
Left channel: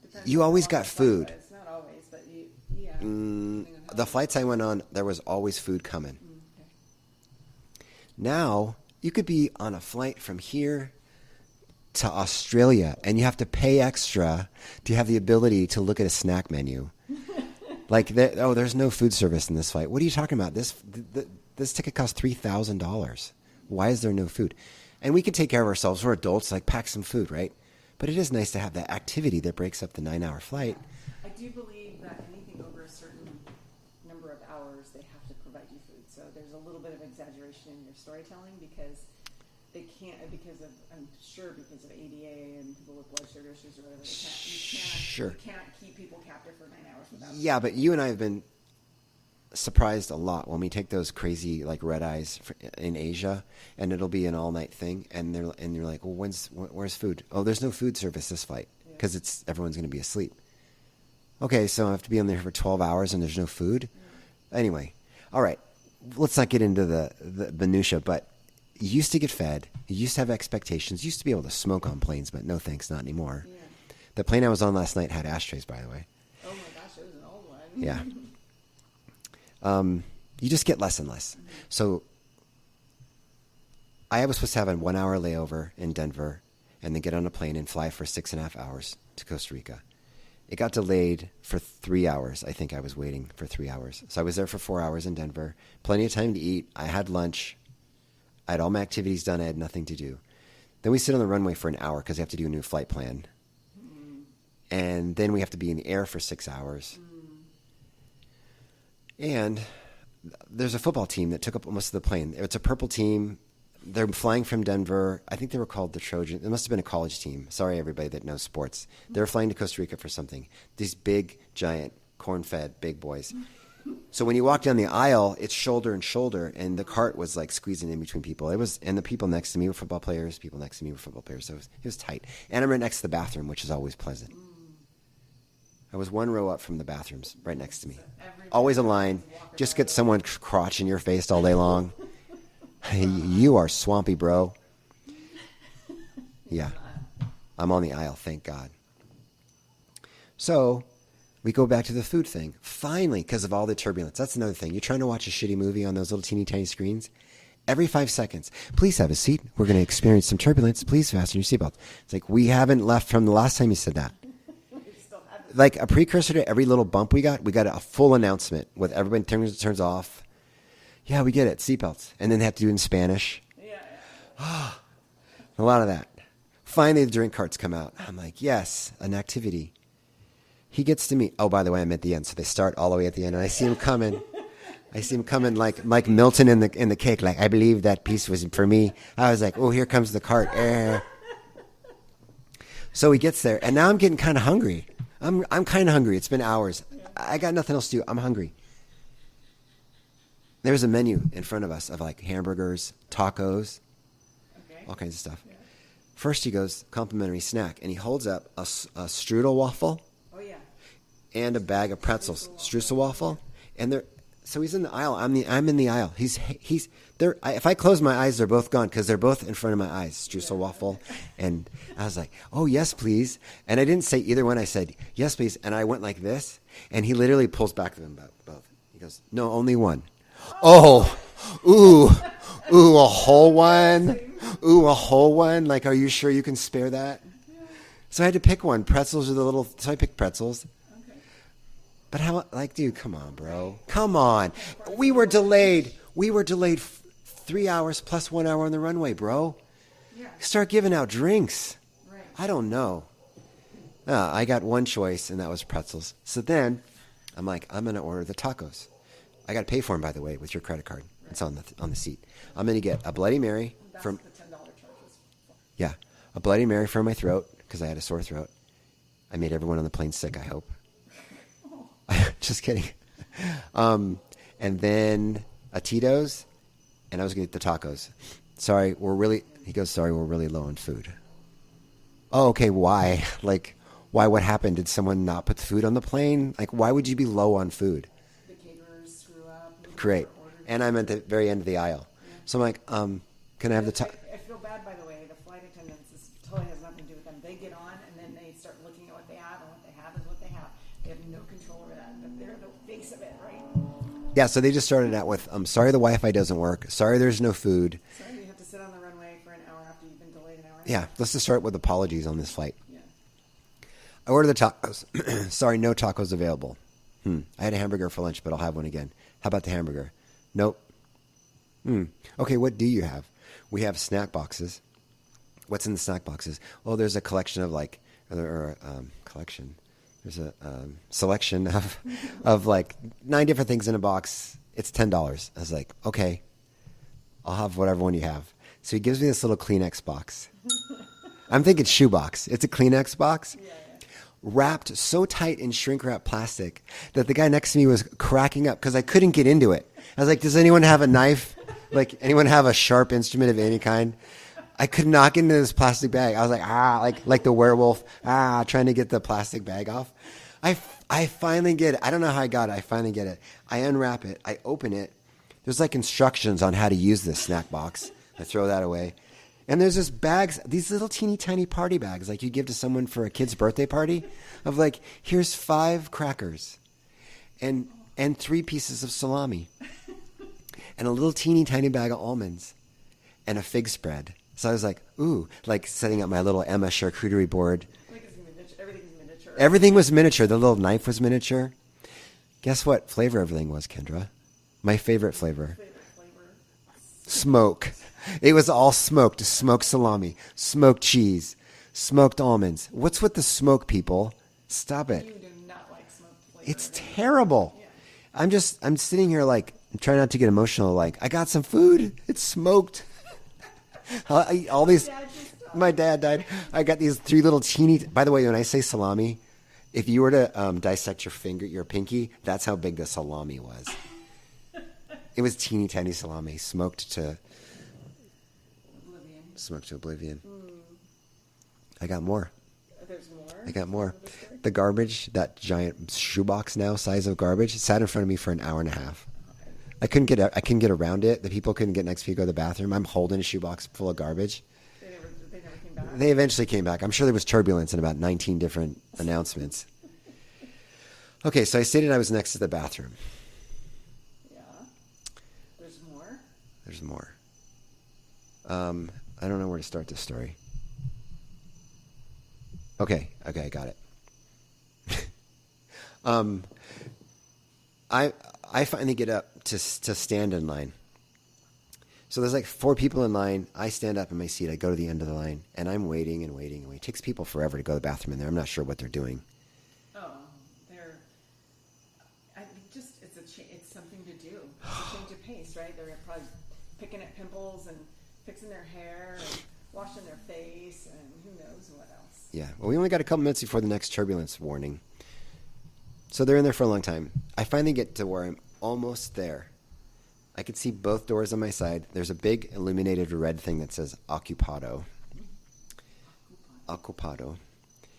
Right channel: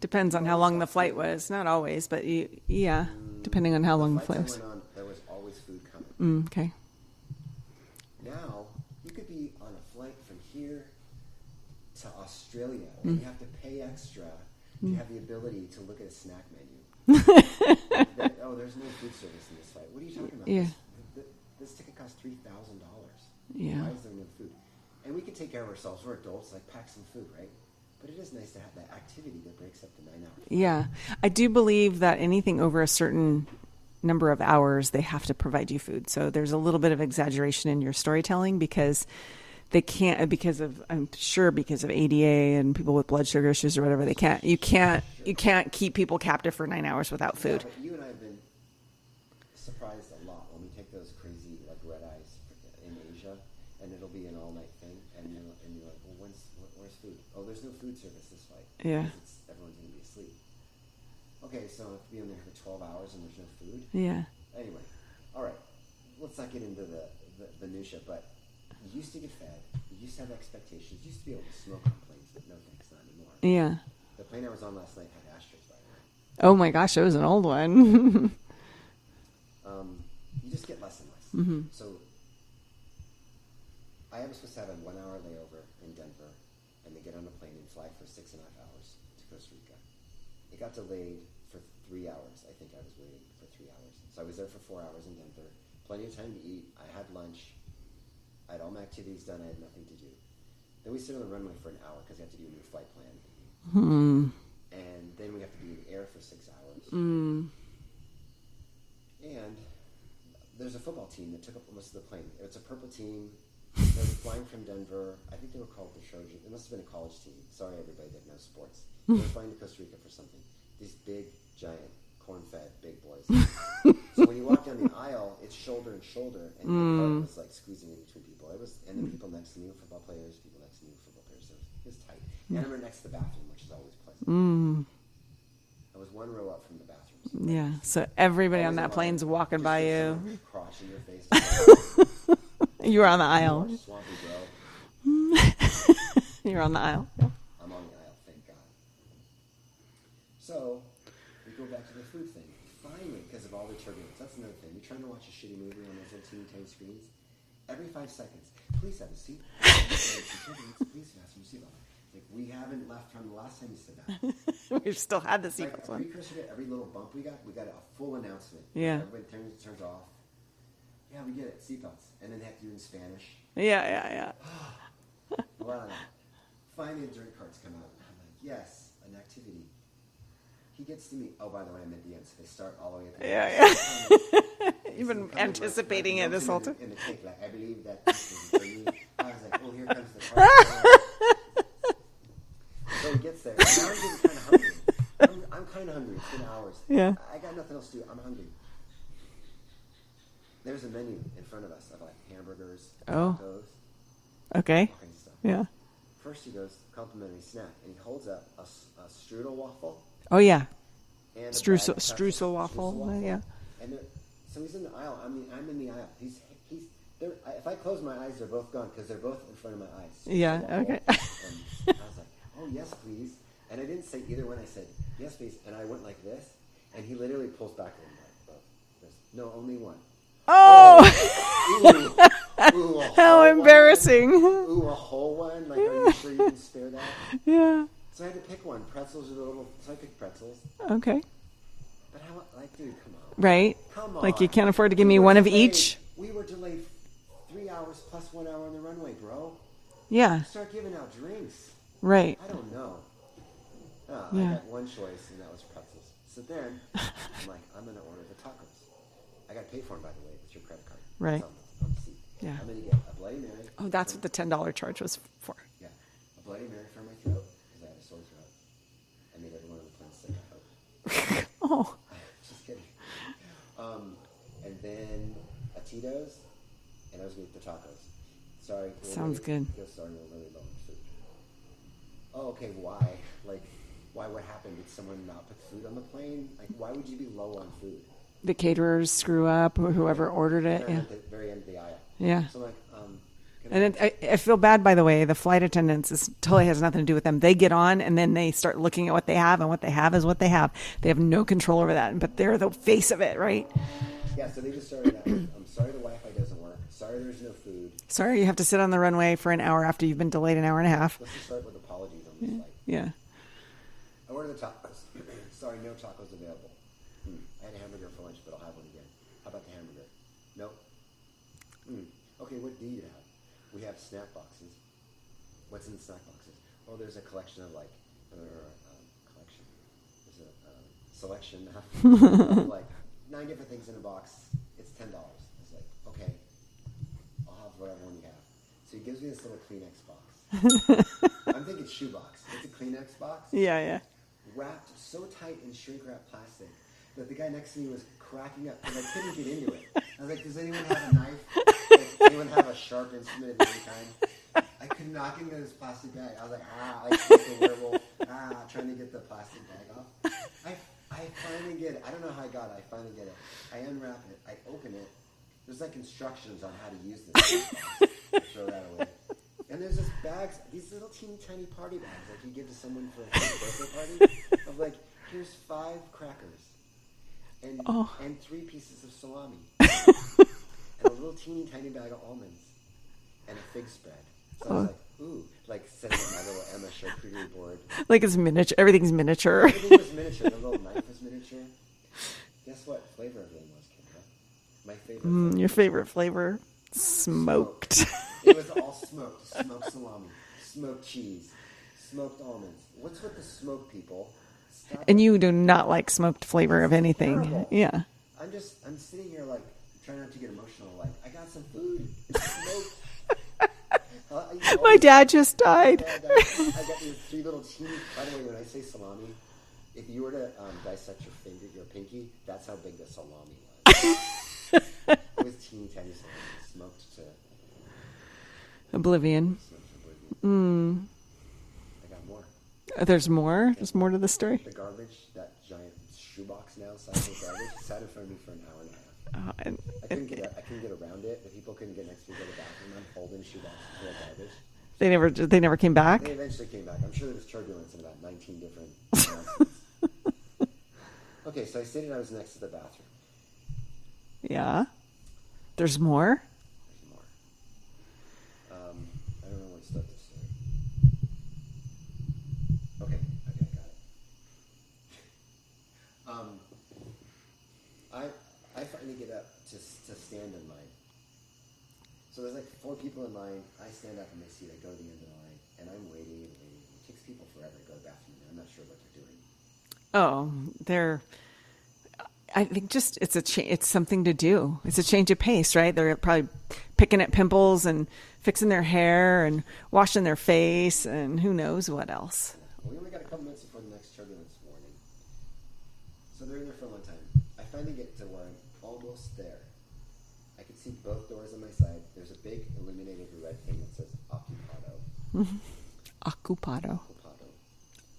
Depends on how long the flight was. Not always, but depending on how long the flights I went on, there was always food coming. Okay. Now, you could be on a flight from here to Australia, and you have to pay extra to have the ability to look at a snack menu. Like, there's no food service in this flight. What are you talking about? Yeah. This ticket cost $3,000. Yeah. Why is there no food? And we can take care of ourselves. We're adults. Like, pack some food, right? But it is nice to have that activity that breaks up the 9-hour flight. Yeah. I do believe that anything over a certain number of hours, they have to provide you food. So there's a little bit of exaggeration in your storytelling because they can't, I'm sure because of ADA and people with blood sugar issues or whatever, you can't keep people captive for 9 hours without food. Yeah, but you and I have been surprised a lot when we take those crazy like red eyes in Asia, and it'll be an all-night thing, and you're like, well, where's food? Oh, there's no food service this flight because everyone's going to be asleep. Okay, so I have to be on there for 12 hours and there's no food. Yeah. Anyway, all right, let's not get into the minutia, but you used to get fed. You used to have expectations. You used to be able to smoke on planes, but no thanks, not anymore. Yeah. The plane I was on last night had ashtrays, by the way. Oh my gosh, it was an old one. Yeah. You just get less and less. Mm-hmm. So I was supposed to have a 1-hour layover in Denver and then get on a plane and fly for 6.5 hours to Costa Rica. It got delayed for 3 hours. I think I was waiting for 3 hours. So I was there for 4 hours in Denver. Plenty of time to eat. I had lunch. I had all my activities done. I had nothing to do. Then we sit on the runway for an hour because we have to do a new flight plan. And then we have to be in the air for 6 hours. And there's a football team that took up most of the plane. It's a purple team. They're flying from Denver. I think they were called the Trojans. It must have been a college team. Sorry, everybody that knows sports. They're flying to Costa Rica for something. These big, giant, corn-fed big boys. So when you walk down the aisle, it's shoulder and shoulder, and the cart was like squeezing in between people. And the people next to me were football players. People next to me were football players. So it was tight. And I'm right next to the bathroom, which is always pleasant. I was one row up from the bathrooms, right next to me. So everybody always on that a line. plane's walking Just by get you. someone crotch in your face all day long. You were on the aisle. You are swampy, bro. You're on the aisle. Yeah. I'm on the aisle, thank God. So we go back to the food thing. Finally, because of all the turbulence. That's another thing. You're trying to watch a shitty movie on those little teeny tiny screens. Every 5 seconds, please have a seat. We're going to experience some turbulence. Please fasten your seatbelt. It's like, we haven't left from the last time you said that. We've still had this. Like a precursor to every little bump we got a full announcement with everybody turns off. Yeah, we get it. Seatbelts. And then they have to do it in Spanish. Yeah. A lot of that. Finally, the drink carts come out. I'm like, yes, an activity. he gets to me. Oh, by the way, I'm at the end. So they start all the way at the end. I see him coming. I see him coming like Milton in the cake. Like, I believe that piece was for me. I was like, oh, here comes the cart. So he gets there, and now I'm getting kind of hungry. I'm kind of hungry. It's been hours. Yeah. I got nothing else to do. I'm hungry. There's a menu in front of us of like hamburgers, tacos, Okay. all kinds of stuff. Yeah. First he goes, complimentary snack, and he holds up a strudel waffle Oh, yeah. and a bag of pretzels. Streusel waffle. yeah. And so he's in the aisle. I'm in the aisle. He's there. If I close my eyes, they're both gone because they're both in front of my eyes. Streusel waffle. Okay. And I was like, oh, yes, please. And I didn't say either one. I said, yes, please. And I went like this, and he literally pulls back them both. He goes, no, only one. Oh, ooh, a whole one. Embarrassing. Ooh, a whole one. Like, are you sure you can spare that? Yeah. So I had to pick one. Pretzels are so I picked pretzels. Okay. But how, like, dude, come on, bro. Right. Come on. Like, you can't afford to give We me were one of delayed. each. We were delayed 3 hours plus 1 hour on the runway, bro. Yeah. Start giving out drinks. Right. I don't know. I got one choice, and that was pretzels. So then I'm like, I'm going to order the tacos. I got to pay for them, by the way, with your credit card. Right. It's on the seat. Yeah. I'm going to get a Bloody Mary. Oh, that's what the $10 charge was for. Yeah, a Bloody Mary for my throat because I had a sore throat. I made everyone on the plane sick, I hope. Oh. Just kidding. And then a Tito's, and I was going to get the tacos. Sorry, Good. he goes, sorry, we're really low on food. Oh, okay, why? Like, why? What happened? Did someone not put the food on the plane? Like, why would you be low on food? The caterers screw up, or whoever Great. ordered it. And I'm at the very end of the aisle. Yeah. So I'm like, can I And have the I feel bad, by the way. The flight attendants totally has nothing to do with them. They get on and then they start looking at what they have, and what they have is what they have. They have no control over that, but they're the face of it, right? Yeah, so they just started out with, I'm sorry the Wi-Fi doesn't work. Sorry there's no food. Sorry, you have to sit on the runway for an hour after you've been delayed an hour and a half. Let's just start with apologies on this flight. Yeah. I ordered the tacos. Sorry, no tacos available. I had a hamburger for lunch, but I'll have one again. How about the hamburger? Nope. Okay, what do you have? We have snack boxes. What's in the snack boxes? Oh, there's a collection of collection. There's a selection of like 9 different things in a box. It's $10. I was like, okay, I'll have whatever one you have. So he gives me this little Kleenex box. I'm thinking shoebox. It's a Kleenex box. Yeah. Wrapped so tight in shrink wrap plastic that the guy next to me was cracking up because I couldn't get into it. I was like, does anyone have a knife? Like, anyone have a sharp instrument of any kind? I could not get into this plastic bag. I was like, like the werewolf, trying to get the plastic bag off. I finally get it. I don't know how I got it. I finally get it. I unwrap it. I open it. There's like instructions on how to use this snack box. I throw that away. And there's just bags, these little teeny tiny party bags like you give to someone for a kid's birthday party of like, here's 5 crackers and 3 pieces of salami and a little teeny tiny bag of almonds and a fig spread. So I was like, ooh, like setting up my little Emma charcuterie board. Like it's miniature. Everything's miniature. Everything was miniature. The little knife was miniature. Guess what flavor everything was, Kendra? My favorite flavor. Your favorite flavor? Smoked. It was all smoked. Smoked salami, smoked cheese, smoked almonds. What's with the smoke, people? Stop it. And you do not like smoked flavor of anything. Terrible. Yeah. I'm sitting here like, trying not to get emotional. Like, I got some food. It's smoked. My dad just died. My dad died. I got these 3 little teeny. By the way, when I say salami, if you were to dissect your pinky, that's how big the salami was. It was teeny tiny salami, smoked to oblivion. I got more. There's more? There's more to the story? The garbage, that giant shoebox now, size of garbage, sat in front of me for an hour and a half. I couldn't get around it. The people couldn't get next to me to go to the bathroom. I'm holding a shoebox full of garbage. They never came back? They eventually came back. I'm sure there was turbulence in about 19 different announcements. Okay, so I stated I was next to the bathroom. Yeah. There's more? There's more. I don't know where to start this story. Okay, I got it. I finally get up to stand in line. So there's like 4 people in line. I stand up in my seat. I go to the end of the line, and I'm waiting and waiting and waiting. It takes people forever to go to the bathroom in there. I'm not sure what they're doing. Oh, I think just it's something to do. It's a change of pace, right? They're probably picking at pimples and fixing their hair and washing their face and who knows what else. Yeah. Well, we only got a couple minutes before the next turbulence warning. So they're in there for a long time. I finally get to where I'm almost there. I could see both doors on my side. There's a big illuminated red thing that says Occupado. Occupado. Occupado.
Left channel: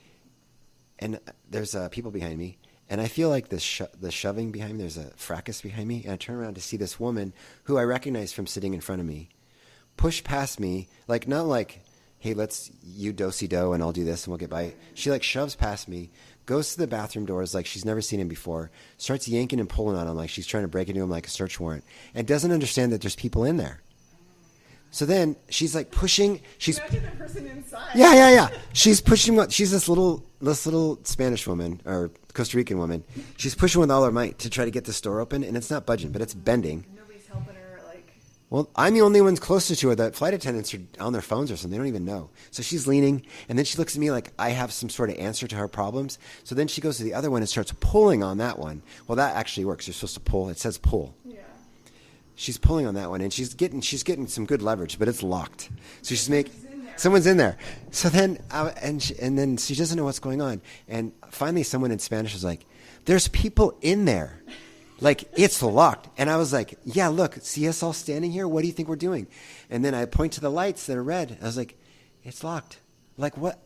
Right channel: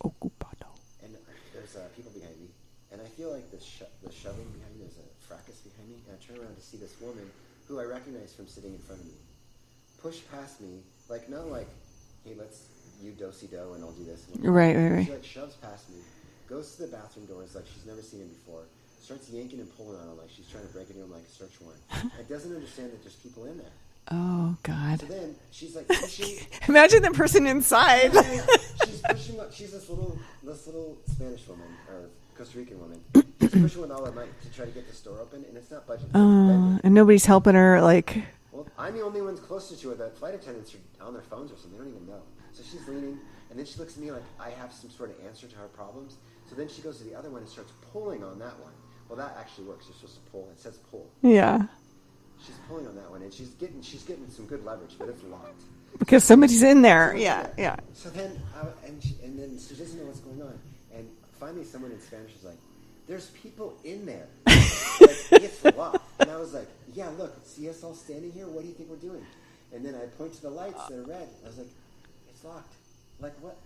Occupado. And there's people behind me. And I feel like the shoving behind me, there's a fracas behind me. And I turn around to see this woman who I recognize from sitting in front of me push past me, like not like, hey, let's you do-si-do and I'll do this and we'll get by. Right. She like shoves past me, goes to the bathroom doors like she's never seen him before, starts yanking and pulling on him like she's trying to break into him like a search warrant, and doesn't understand that there's people in there. Oh, God. So then she's like pushing. Imagine the person inside. Yeah. She's pushing. She's this little Spanish woman or Costa Rican woman. She's pushing with all her might to try to get this door open, and it's not budging, but it's bending. And nobody's helping her, like... Well, I'm the only ones closest to her. The flight attendants are on their phones or something. They don't even know. So she's leaning, and then she looks at me like I have some sort of answer to her problems. So then she goes to the other one and starts pulling on that one. Well, that actually works. You're supposed to pull. It says pull. Yeah. She's pulling on that one, and she's getting some good leverage, but it's locked. Because somebody's in there. Someone's in there. Yeah. So then, and then she doesn't know what's going on. And finally, someone in Spanish is like, "There's people in there." Like, it's locked. And I was like, yeah, look, see us all standing here? What do you think we're doing? And then I point to the lights that are red. I was like, it's locked. Like, what?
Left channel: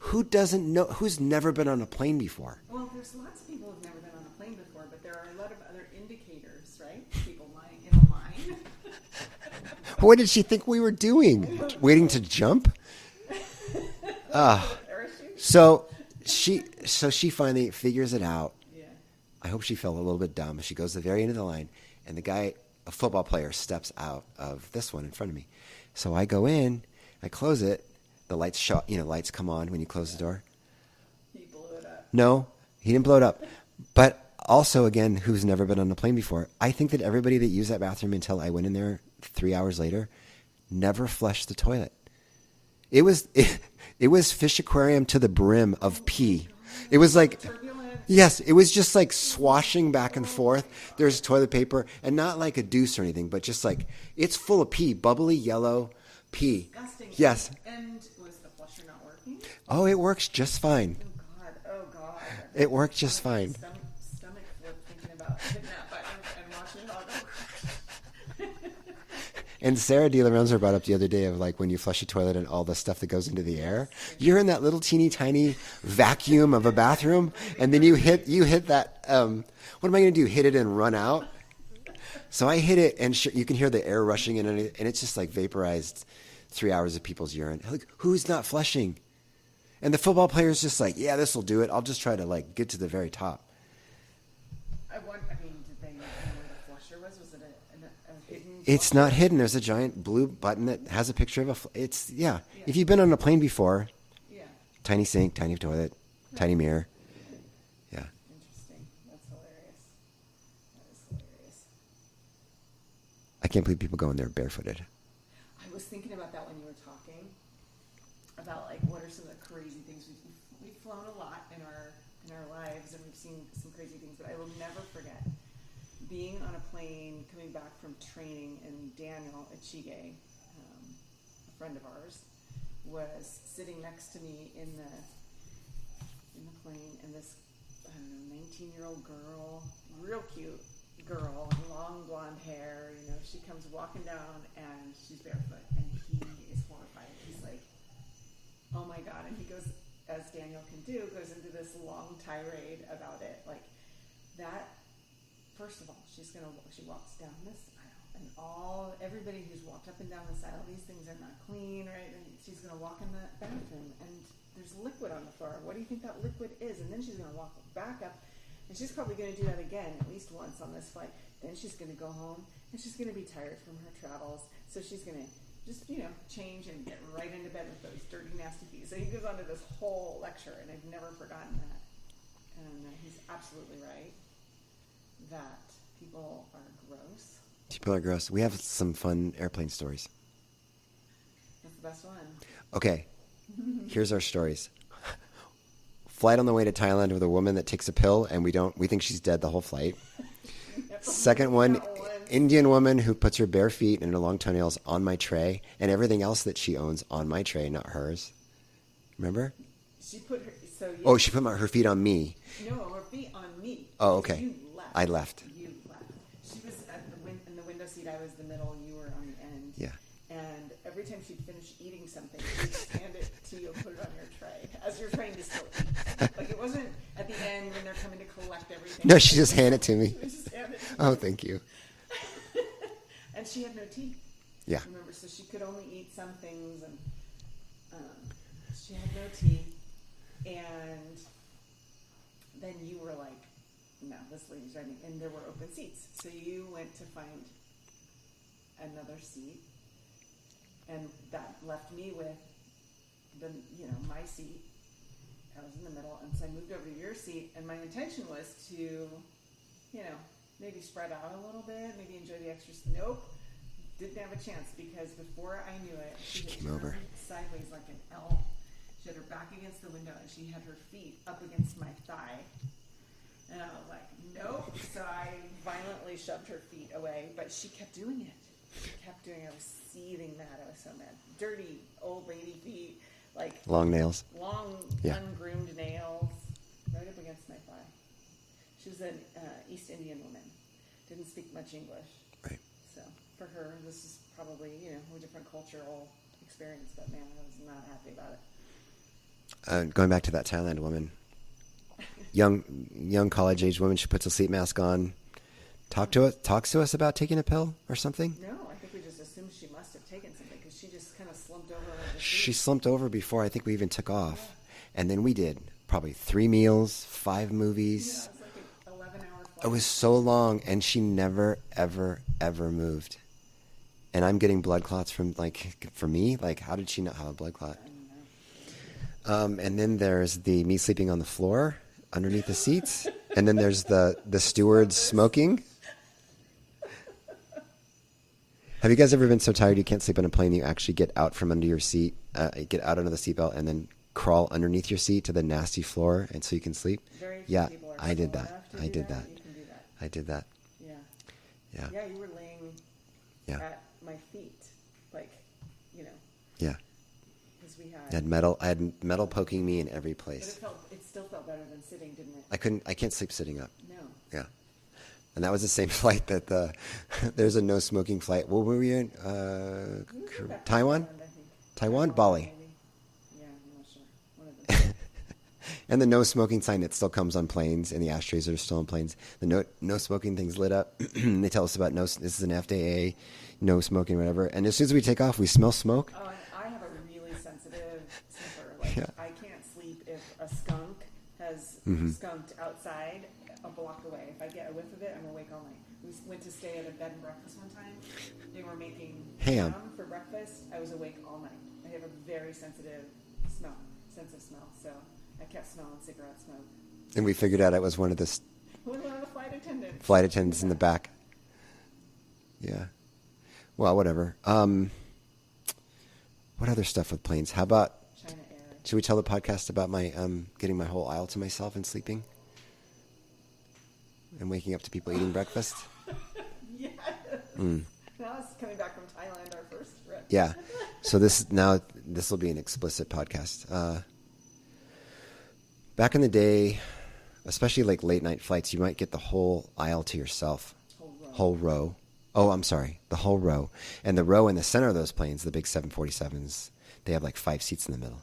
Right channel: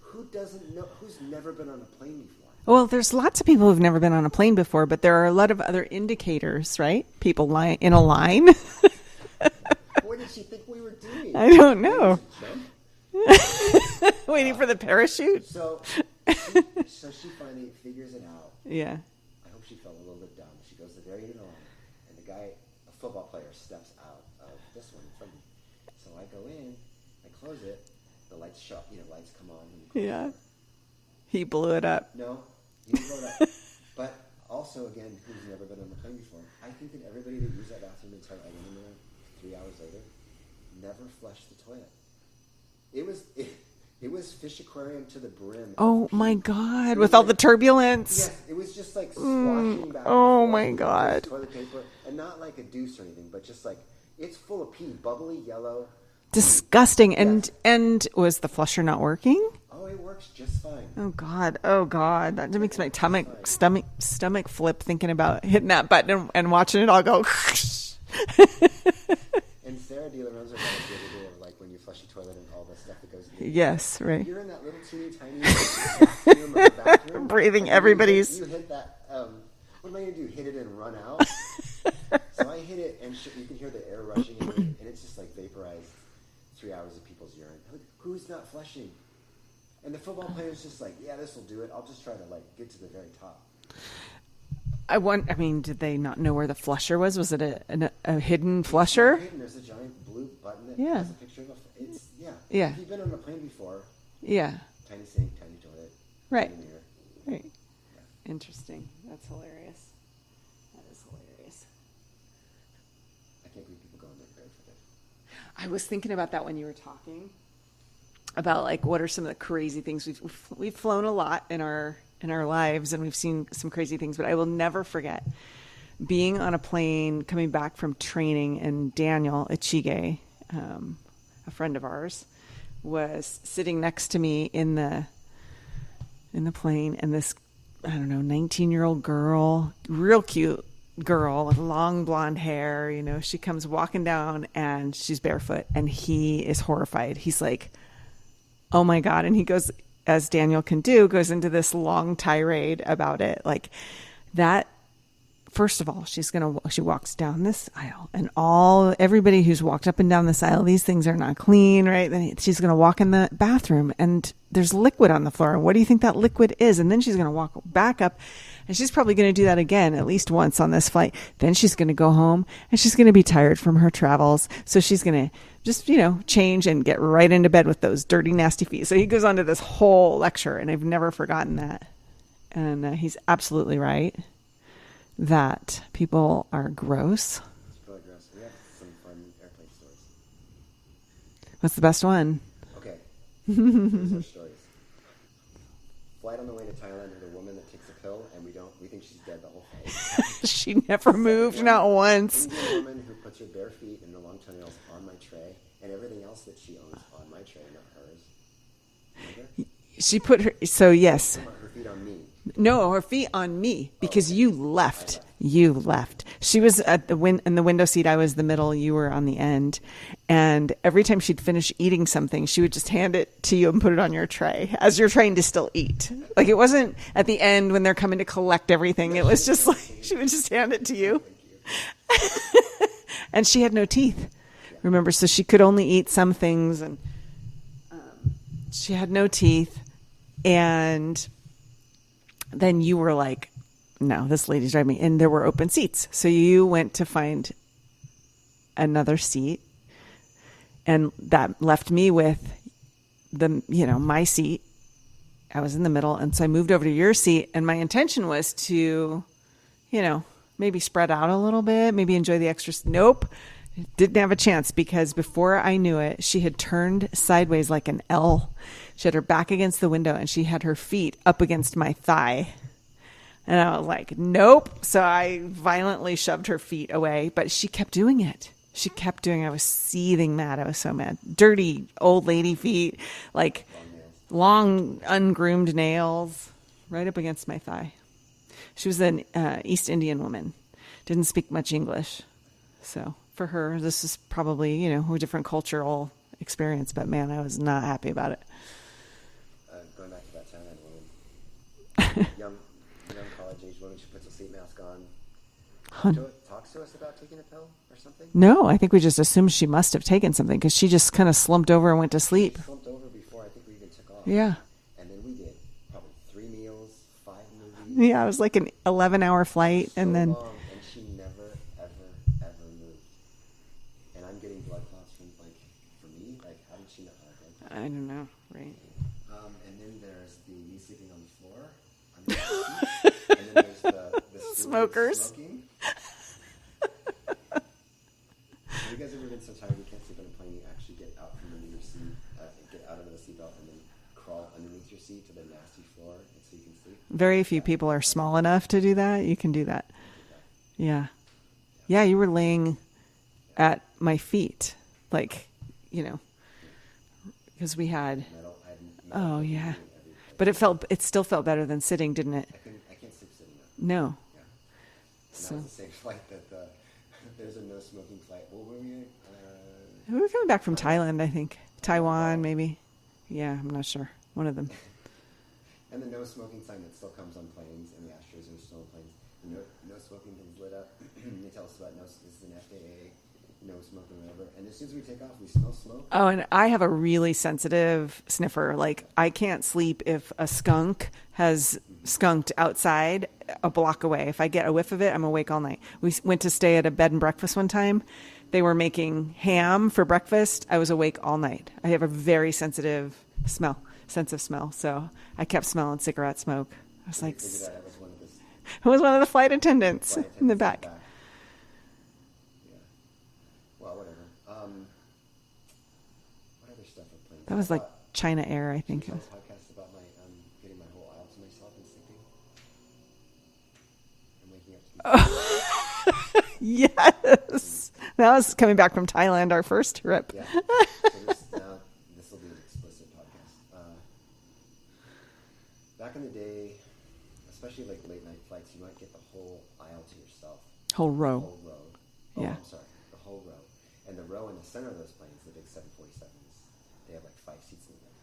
Who doesn't know? Who's never been on a plane before? Well, there's lots of people who've never been on a plane before, but there are a lot of other indicators, right? People in a line. What did she think we were doing? I don't know. Waiting to jump? Waiting for the parachute. So she finally figures it out. Yeah. I hope she felt a little bit dumb. She goes to the very end of the line, and the guy, a football player, steps out of this one in front of me. So I go in, I close it. The lights lights come on when you close the door. He blew it up. No, he didn't blow it up. But also, again, who's never been on a plane before, I think that everybody that used that bathroom until I went in there 3 hours later never flushed the toilet. It was fish aquarium to the brim of pee. Oh, my God. It was with all like the turbulence. Yes, it was just like swashing back and forth. Oh, my God. There's toilet paper, and not like a deuce or anything, but just like it's full of pee, bubbly yellow pee. Disgusting. Yes. And was the flusher not working? Oh, it works just fine. Oh, God. That makes my worked just fine. stomach flip thinking about hitting that button and watching it all go. And Sarah De La Rosa brought up the other day of like when you flush a toilet and all the stuff that goes into the air. Right. You're in that little teeny tiny vacuum of a bathroom. Breathing and everybody's. You hit that. What am I going to do? Hit it and run out? So I hit it, and you can hear the air rushing in, and it's just like vaporized 3 hours of people's urine. Like, who's not flushing? And the football player's just like, yeah, this will do it. I'll just try to like get to the very top. Did they not know where the flusher was? Was it a hidden flusher? It's not hidden. There's a giant blue button that has a picture of Yeah. If you've been on a plane before, yeah, tiny sink, tiny toilet, right. tiny mirror. Right. Yeah. Interesting. That's hilarious. That is hilarious. I can't believe people go in there barefooted. I was thinking about that when you were talking about like what are some of the crazy things we've flown a lot in our lives, and we've seen some crazy things, but I will never forget being on a plane coming back from training, and Daniel Ichige, a friend of ours, was sitting next to me in the plane, and this 19-year-old girl, real cute girl with long blonde hair, she comes walking down and she's barefoot, and he is horrified. He's like, oh my God. And he goes, as Daniel can do, goes into this long tirade about it. Like that, first of all, she walks down this aisle, and everybody who's walked up and down this aisle, these things are not clean, right? Then she's going to walk in the bathroom, and there's liquid on the floor. What do you think that liquid is? And then she's going to walk back up, and she's probably going to do that again at least once on this flight. Then she's going to go home, and she's going to be tired from her travels. So she's going to just, change and get right into bed with those dirty, nasty feet. So he goes on to this whole lecture, and I've never forgotten that. And he's absolutely right that people are gross. People are gross. We have some fun airplane stories. What's the best one? Okay. Here's our stories. flight on the way to Thailand with a woman that takes a pill, and we think she's dead the whole flight. She never Second moved, one, not once. Indian woman who puts her bare feet and her long toenails on my tray, and everything else that she owns on my tray, not hers. Remember? She put her, so yes. Oh, she put her feet on me. No, her feet on me because okay. you left. I left. You left. She was at in the window seat. I was the middle. You were on the end. Yeah. And every time she'd finish eating something, she would just hand it to you and put it on your tray as you're trying to still eat. Like it wasn't at the end when they're coming to collect everything. No, it she was just handed like, it to me. She would just hand it to you. Oh, thank you. And she had no teeth. Yeah. Remember, so she could only eat some things, and she had no teeth. And then you were like, no, this lady's driving me. And there were open seats. So you went to find another seat. And that left me with my seat. I was in the middle. And so I moved over to your seat. And my intention was to, maybe spread out a little bit, maybe enjoy the extra. Nope. Didn't have a chance because before I knew it, she had turned sideways like an L. She had her back against the window and she had her feet up against my thigh. And I was like, nope. So I violently shoved her feet away, but she kept doing it. I was seething mad. I was so mad. Dirty old lady feet, like long nails, ungroomed nails right up against my thigh. She was an East Indian woman. Didn't speak much English. Right. So for her, this is probably, a different cultural experience, but man, I was not happy about it. Going back to that Thailand woman, young college-age woman, she puts a sleep mask on, talks to us about taking a pill or something. No, I think we just assumed she must have taken something because she just kind of slumped over and went to sleep. She slumped over before I think we even took off. Yeah. And then we did probably 3 meals, 5 movies. Yeah, it was like an 11-hour flight. It was so long, and she never, ever, ever moved. And I'm getting blood clots from, for me, how did she not have a blood clot? I don't know. Right. And then there's me sleeping on the floor underneath the seats. And then there's the steward smoking. Have you guys ever been so tired you can't sleep on a plane you actually get out from under your seat, get out under the seatbelt, and then crawl underneath your seat to the nasty floor and so you can sleep? Very few people are small enough to do that. You can do that. I did that. Yeah. Yeah, you were laying at my feet, Yeah. Because I had metal poking me in every place. But it still felt better than sitting, didn't it? I can't sleep sitting up. No. Yeah. And that was the same flight that there's a no smoking flight. Well, were we in? We were coming back from Thailand, I think. Taiwan, Bali. Maybe. Yeah, I'm not sure. One of them. And the no smoking sign that still comes on planes, and the ashtrays are still on planes. The no smoking thing's lit up. They tell us about this is an FAA, no smoking, whatever. And as soon as we take off, we smell smoke. Oh, and I have a really sensitive sniffer. I can't sleep if a skunk has skunked outside a block away. If I get a whiff of it, I'm awake all night. We went to stay at a bed and breakfast one time. They were making ham for breakfast. I was awake all night. I have a very sensitive sense of smell. So I kept smelling cigarette smoke. And we figured out it was one of the... It was one of the flight attendants. In the back. Yeah. Well, whatever. What other stuff with planes? How about China Air? I think. Should we tell the podcast about my getting my whole aisle to myself and sleeping, and waking up to people eating breakfast? Yes, that was coming back from Thailand, our first trip. Yeah. So this will be an explicit podcast. Back in the day, especially late night flights, you might get the whole aisle to yourself. Whole row. Oh, yeah. I'm sorry. The whole row. And the row in the center of those planes, the big 747s, they have 5 seats in the middle.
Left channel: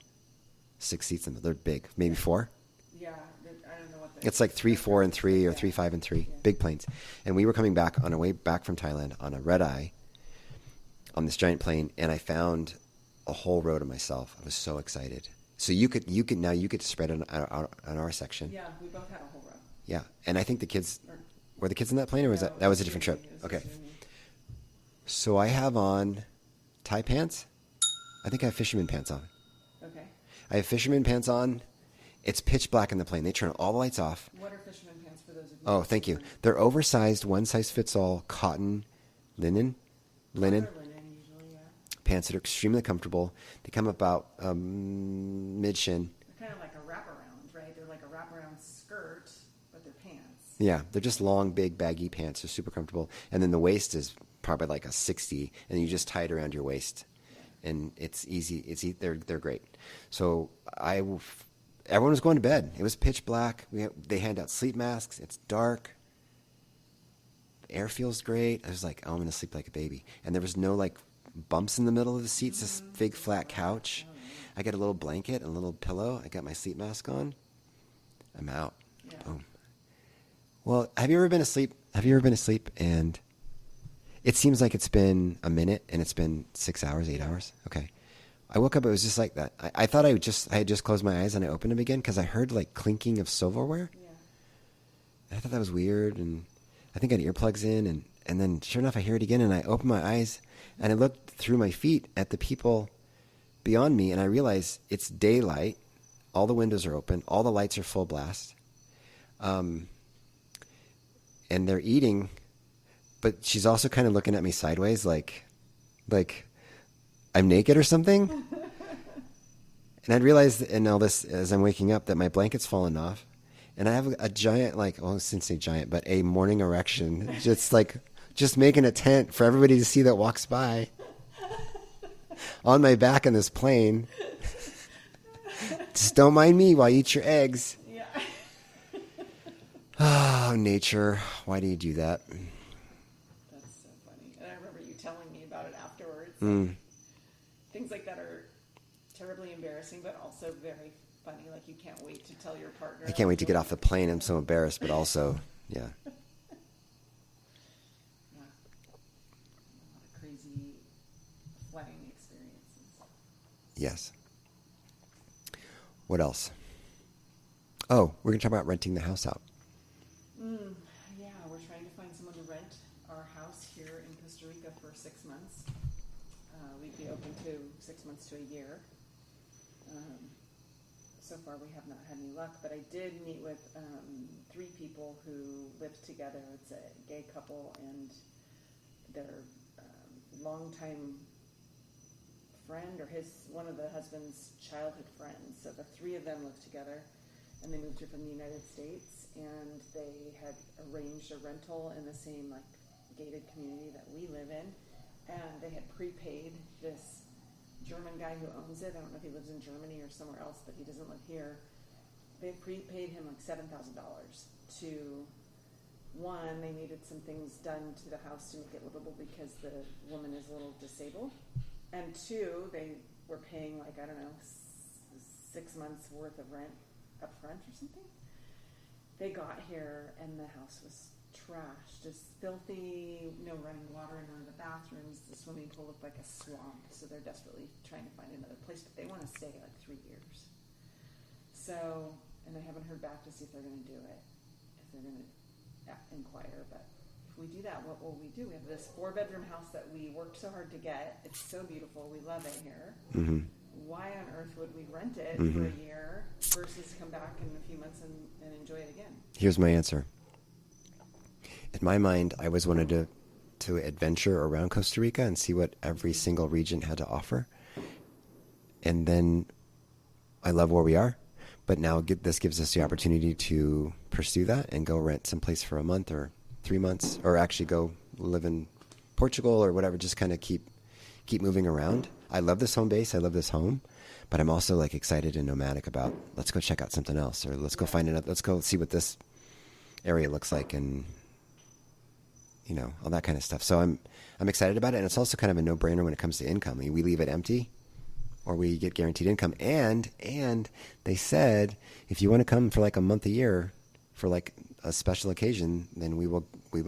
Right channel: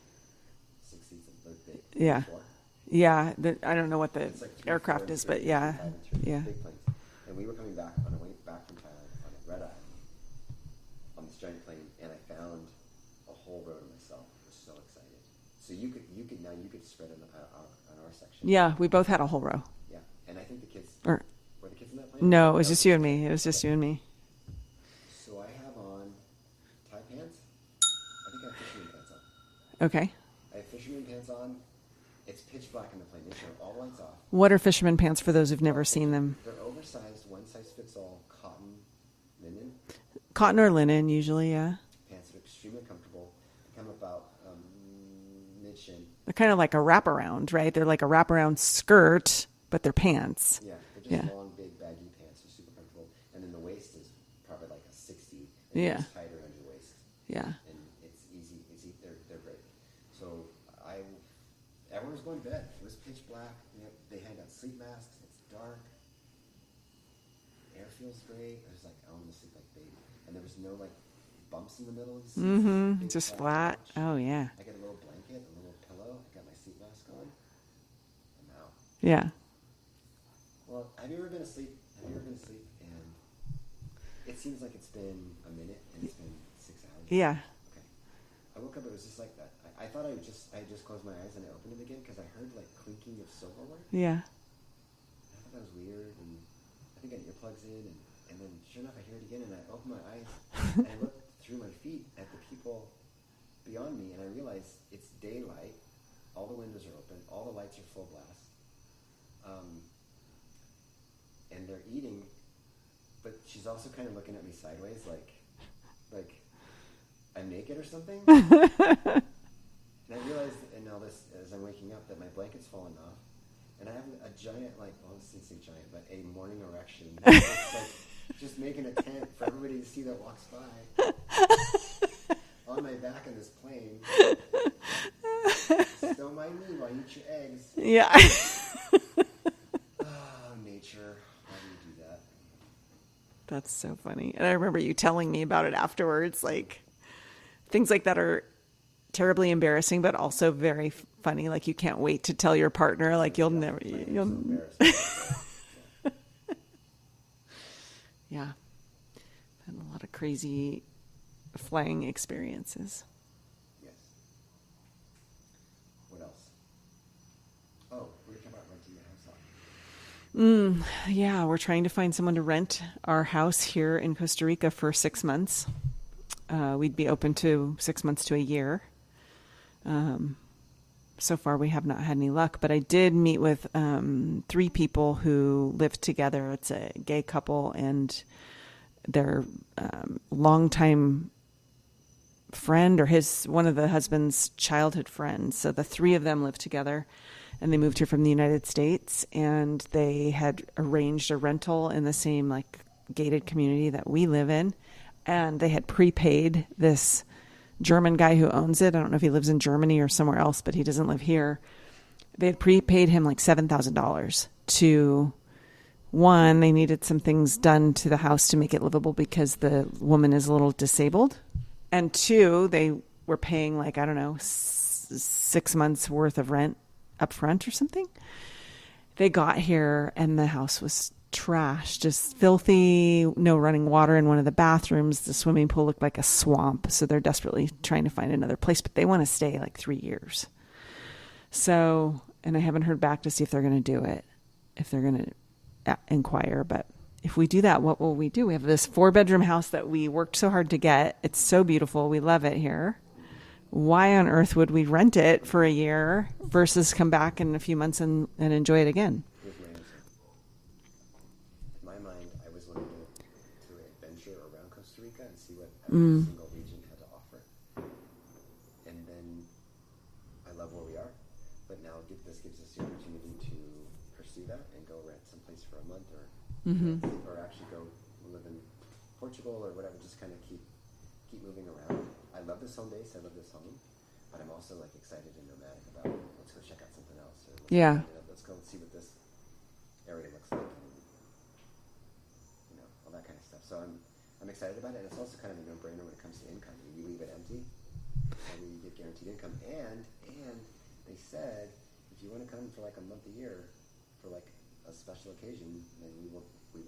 6 seats in the middle. They're big. Maybe 4? Yeah. I don't know what the... It's 3, 4, and 3, or 3, 5, and 3. Yeah. Big planes. And we were coming back on our way back from Thailand on a red eye on this giant plane, and I found a whole row to myself. I was so excited. So you could spread on our section. Yeah, we both had a whole row. Yeah. And I think the kids... Were the kids in that plane? No, it was just you and me. It was just you and me. So I have on Thai pants. I think I have fisherman pants on. Okay. I have fisherman pants on. It's pitch black in the plane. They turn all the lights off. What are fisherman pants for those who've never seen them? They're oversized, one size fits all cotton linen. Cotton or linen usually, yeah. pants that are extremely comfortable. They come about mid-shin. They're kind of like a wraparound, right? They're like a wraparound skirt, but they're pants. Yeah, they're just long, big, baggy pants. They're super comfortable. And then the waist is probably like a 60, and you just tie it around your waist. Yeah. And it's easy. They're great. So everyone was going to bed. It was pitch black. They hand out sleep masks. It's dark. The air feels great. I was like, oh, I'm going to sleep like a baby. And there was no like bumps in the middle of the seats. This big flat couch. Oh yeah. I got a little blanket, a little pillow. I got my sleep mask on. I'm out. Yeah. Boom. Well, have you ever been asleep? And it seems like it's been a minute and it's been 6 hours, 8 hours? Okay. I woke up, it was just like that. I thought I had just closed my eyes and I opened them again because I heard like clinking of silverware. Yeah. I thought that was weird, and I think I had earplugs in, and then sure enough I hear it again, and I open my eyes and I looked through my feet at the people beyond me, and I realized it's daylight. All the windows are open. All the lights are full blast. And they're eating, but she's also kind of looking at me sideways like I'm naked or something. And I realized in all this, as I'm waking up, that my blanket's fallen off. And I have a giant, I shouldn't say giant, but a morning erection. It's like just making a tent for everybody to see that walks by on my back in this plane. Just don't mind me while you eat your eggs. Yeah. Oh, nature. Why do you do that? That's so funny. And I remember you telling me about it afterwards. Like things like that are terribly embarrassing, but also very funny. Like you can't wait to tell your partner. I can't like wait to get off the plane. I'm so embarrassed, but also, yeah. Yeah. And a lot of crazy flying experiences. Yes. What else? Oh, we're going to talk about renting the house out. Yeah, we're trying to find someone to rent our house here in Costa Rica for 6 months. We'd be open to 6 months to a year. So far, we have not had any luck, but I did meet with 3 people who live together. It's a gay couple and their longtime friend or one of the husband's childhood friends. So the 3 of them live together. And they moved here from the United States, and they had arranged a rental in the same like gated community that we live in. And they had prepaid this German guy who owns it. I don't know if he lives in Germany or somewhere else, but he doesn't live here. They had prepaid him like $7,000 to, one, they needed some things done to the house to make it livable because the woman is a little disabled. And 2, they were paying like, I don't know, 6 months worth of rent up front or something. They got here and the house was trash, just filthy, no running water in one of the bathrooms. The swimming pool looked like a swamp. So they're desperately trying to find another place, but they want to stay like 3 years. So, and I haven't heard back to see if they're going to do it, if they're going to inquire. But if we do that, what will we do? We have this 4-bedroom house that we worked so hard to get. It's so beautiful. We love it here. Mm-hmm. Why on earth would we rent it for a year versus come back in a few months and enjoy it again? Here's my answer. In my mind, I always wanted to adventure around Costa Rica and see what every single region had to offer. And then I love where we are, but now this gives us the opportunity to pursue that and go rent someplace for a month or 3 months, or actually go live in Portugal or whatever, just kind of keep moving around. I love this home base. I love this home, but I'm also like excited and nomadic about let's go check out something else, or let's go find let's go see what this area looks like, and all that kind of stuff. So I'm excited about it, and it's also kind of a no-brainer when it comes to income. I mean, we leave it empty, or we get guaranteed income, and they said if you want to come for like a month a year for like a special occasion, then we will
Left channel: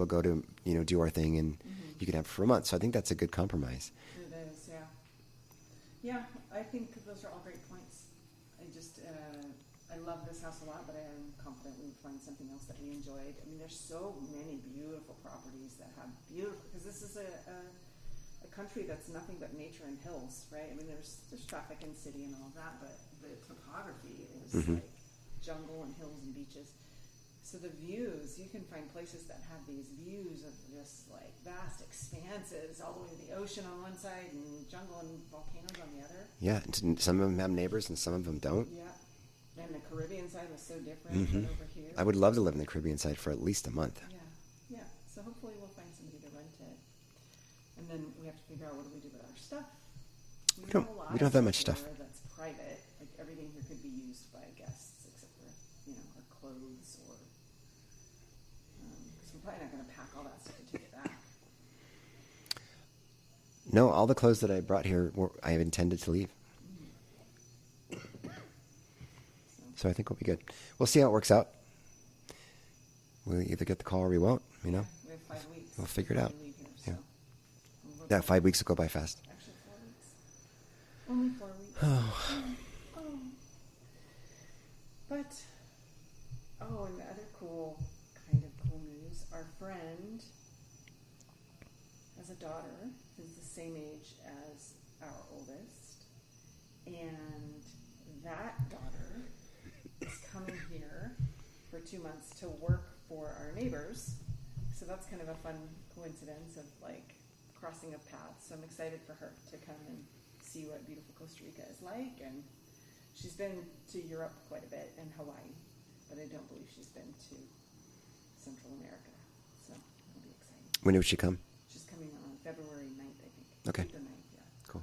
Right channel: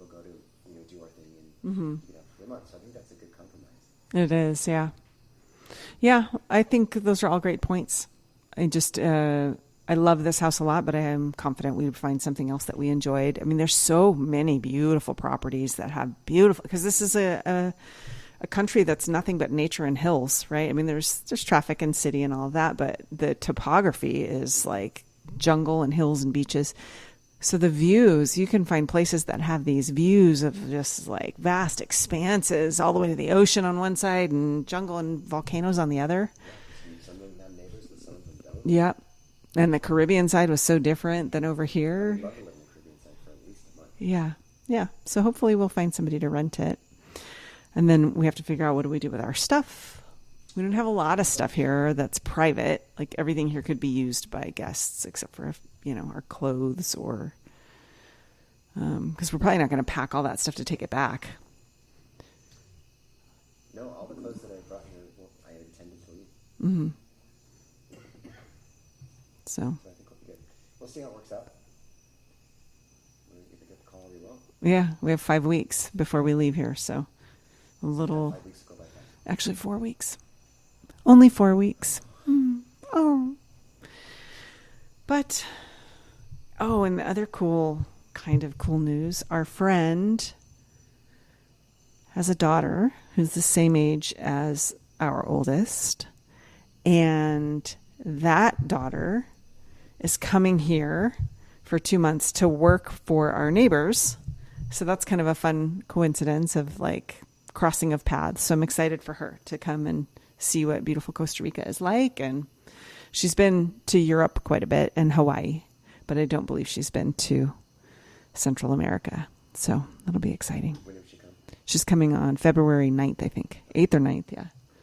go to do our thing, and you can have it for a month. So I think that's a good compromise. It is, yeah. Yeah, I think those are all great points. I love this house a lot, but I am confident we would find something else that we enjoyed. I mean, there's so many beautiful properties that have beautiful, because this is a country that's nothing but nature and hills, right? I mean, there's traffic and city and all of that, but the topography is like jungle and hills and beaches. So the views, you can find places that have these views of just like vast expanses all the way to the ocean on one side and jungle and volcanoes on the other. Yeah, some of them have neighbors and some of them don't. Yep. And the Caribbean side was so different than over here. I would love to live in the Caribbean side for at least a month. Yeah. Yeah. So hopefully we'll find somebody to rent it. And then we have to figure out what do we do with our stuff. We don't have a lot of stuff here that's private. Like everything here could be used by guests except for, our clothes or because we're probably not going to pack all that stuff to take it back. No, all the clothes that I brought here, I have intended to leave. Mm-hmm. So I think we'll be good. We'll see how it works out. We'll either get the call or we won't. Yeah, we have 5 weeks before we leave here. So a little. Yeah, 5 weeks will go by fast. Actually, 4 weeks. Only 4 weeks. Oh. But, and the other cool news, our friend has a daughter who's the same age as our oldest. And that daughter is coming here for 2 months to work for our neighbors. So that's kind of a fun coincidence of like crossing of paths. So I'm excited for her to come and see what beautiful Costa Rica is like. And she's been to Europe quite a bit and Hawaii, but I don't believe she's been to Central America. So that'll be exciting. When did she come? She's coming on February 9th, I think. Okay. 8th or 9th, yeah. Cool.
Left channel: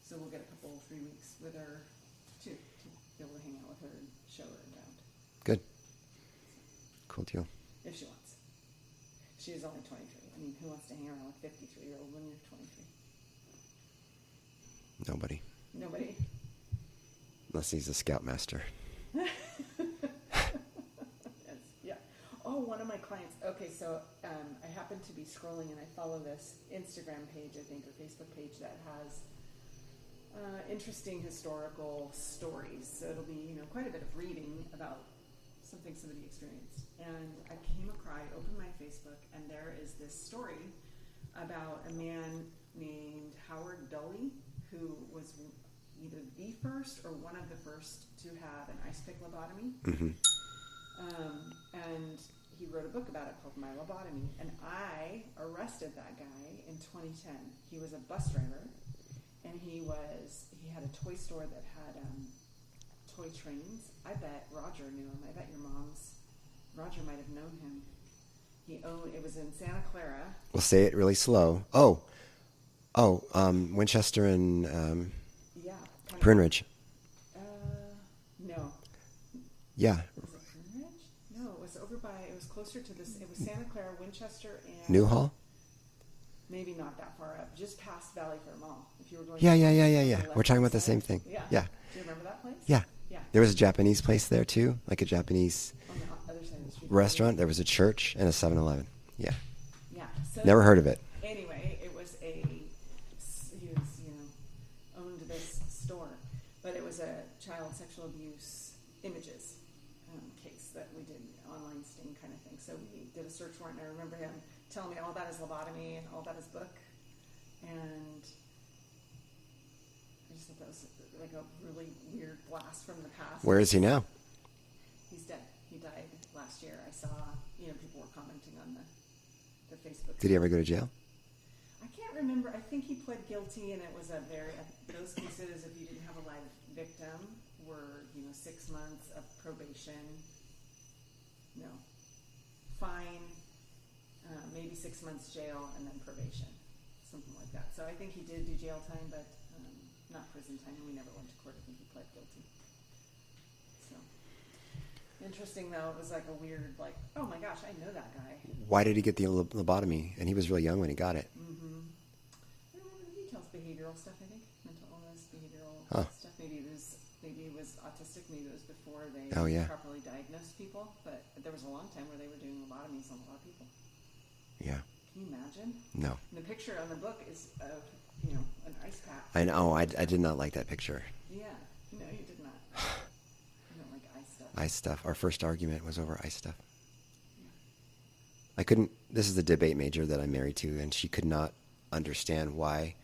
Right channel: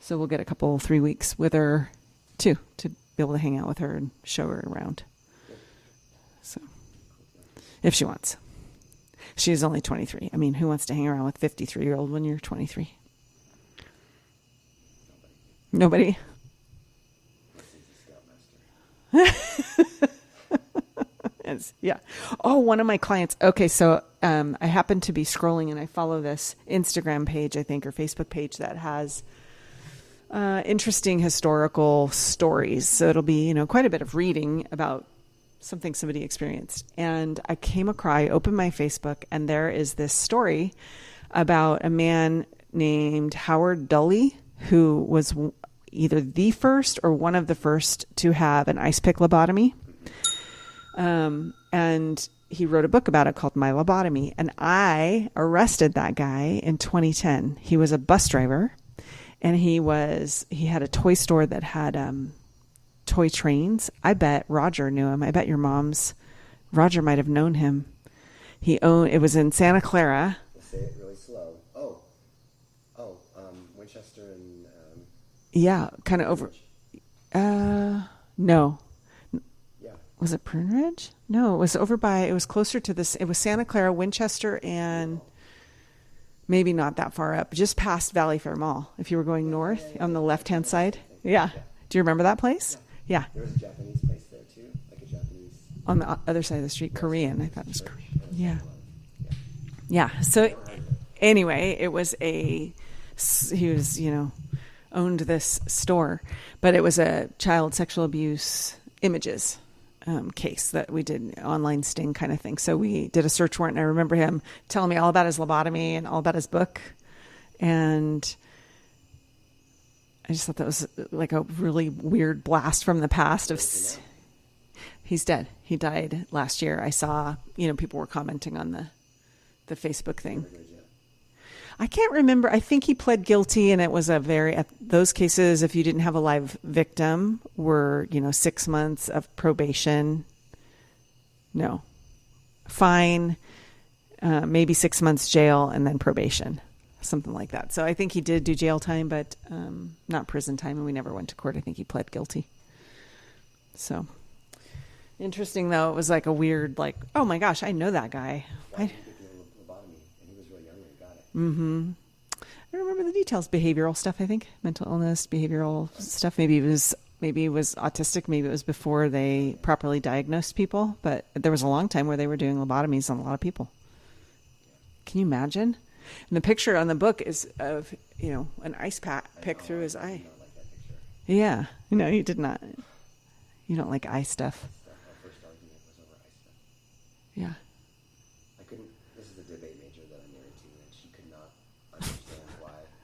So we'll get 3 weeks with her too, to be able to hang out with her and show her around. Good. So cool deal. If she wants. She is only 23. I mean, who wants to hang around with 53-year-old when you're 23? Nobody? Unless he's a scoutmaster. Yeah. Oh, one of my clients. Okay, so I happen to be scrolling and I follow this Instagram page, I think, or Facebook page that has interesting historical stories. So it'll be, quite a bit of reading about something somebody experienced. And I opened my Facebook and there is this story about a man named Howard Dully, who was either the first or one of the first to have an ice pick lobotomy. Mm-hmm. And he wrote a book about it called My Lobotomy. And I arrested that guy in 2010. He was a bus driver and he had a toy store that had, toy trains. I bet Roger knew him. I bet Roger might have known him. It was in Santa Clara. We'll say it really slow. Winchester and, yeah, kind of. Pernridge. No. Yeah. Was it Pernridge? No, it was closer to this. It was Santa Clara, Winchester, and Newhall? Maybe not that far up, just past Valley Fair Mall. If you were going north on the left-hand side. The same thing. Yeah. Do you remember that place? Yeah. Yeah. There was a Japanese place there too, like a Japanese on the other side of the street. Restaurant. Korean. There was a church and a 7-Eleven. Yeah. Yeah. So never heard of it. Anyway, he was, owned this store, but it was a child sexual abuse images case that we did, online sting kind of thing. So we did a search warrant, and I remember him telling me all about his lobotomy and all about his book. And I just thought that was like a really weird blast from the past. Where is he now? He's dead. He died last year. I saw, people were commenting on the Facebook thing. Did he ever go to jail? I can't remember. I think he pled guilty, and it was those cases, if you didn't have a live victim, were, 6 months of probation. No. Fine, maybe 6 months jail, and then probation. Something like that. So I think he did do jail time, but not prison time, and we never went to court. I think he pled guilty. So interesting, though. It was like a weird, oh my gosh, I know that guy. Why did he get the lobotomy? And he was really young when he got it. Mm-hmm. I don't remember the details. Behavioral stuff, I think. Mental illness, behavioral stuff. Maybe it was autistic. Maybe it was before they properly diagnosed people. But there was a long time where they were doing lobotomies on a lot of people. Yeah. Can you imagine? No. And the picture on the book is of, an ice pack. I know. I did not like that picture. Yeah. No, you did not. You don't like ice stuff. Ice stuff. Our first argument was over ice stuff. Yeah. This is the debate major that I'm married to, and she could not understand why,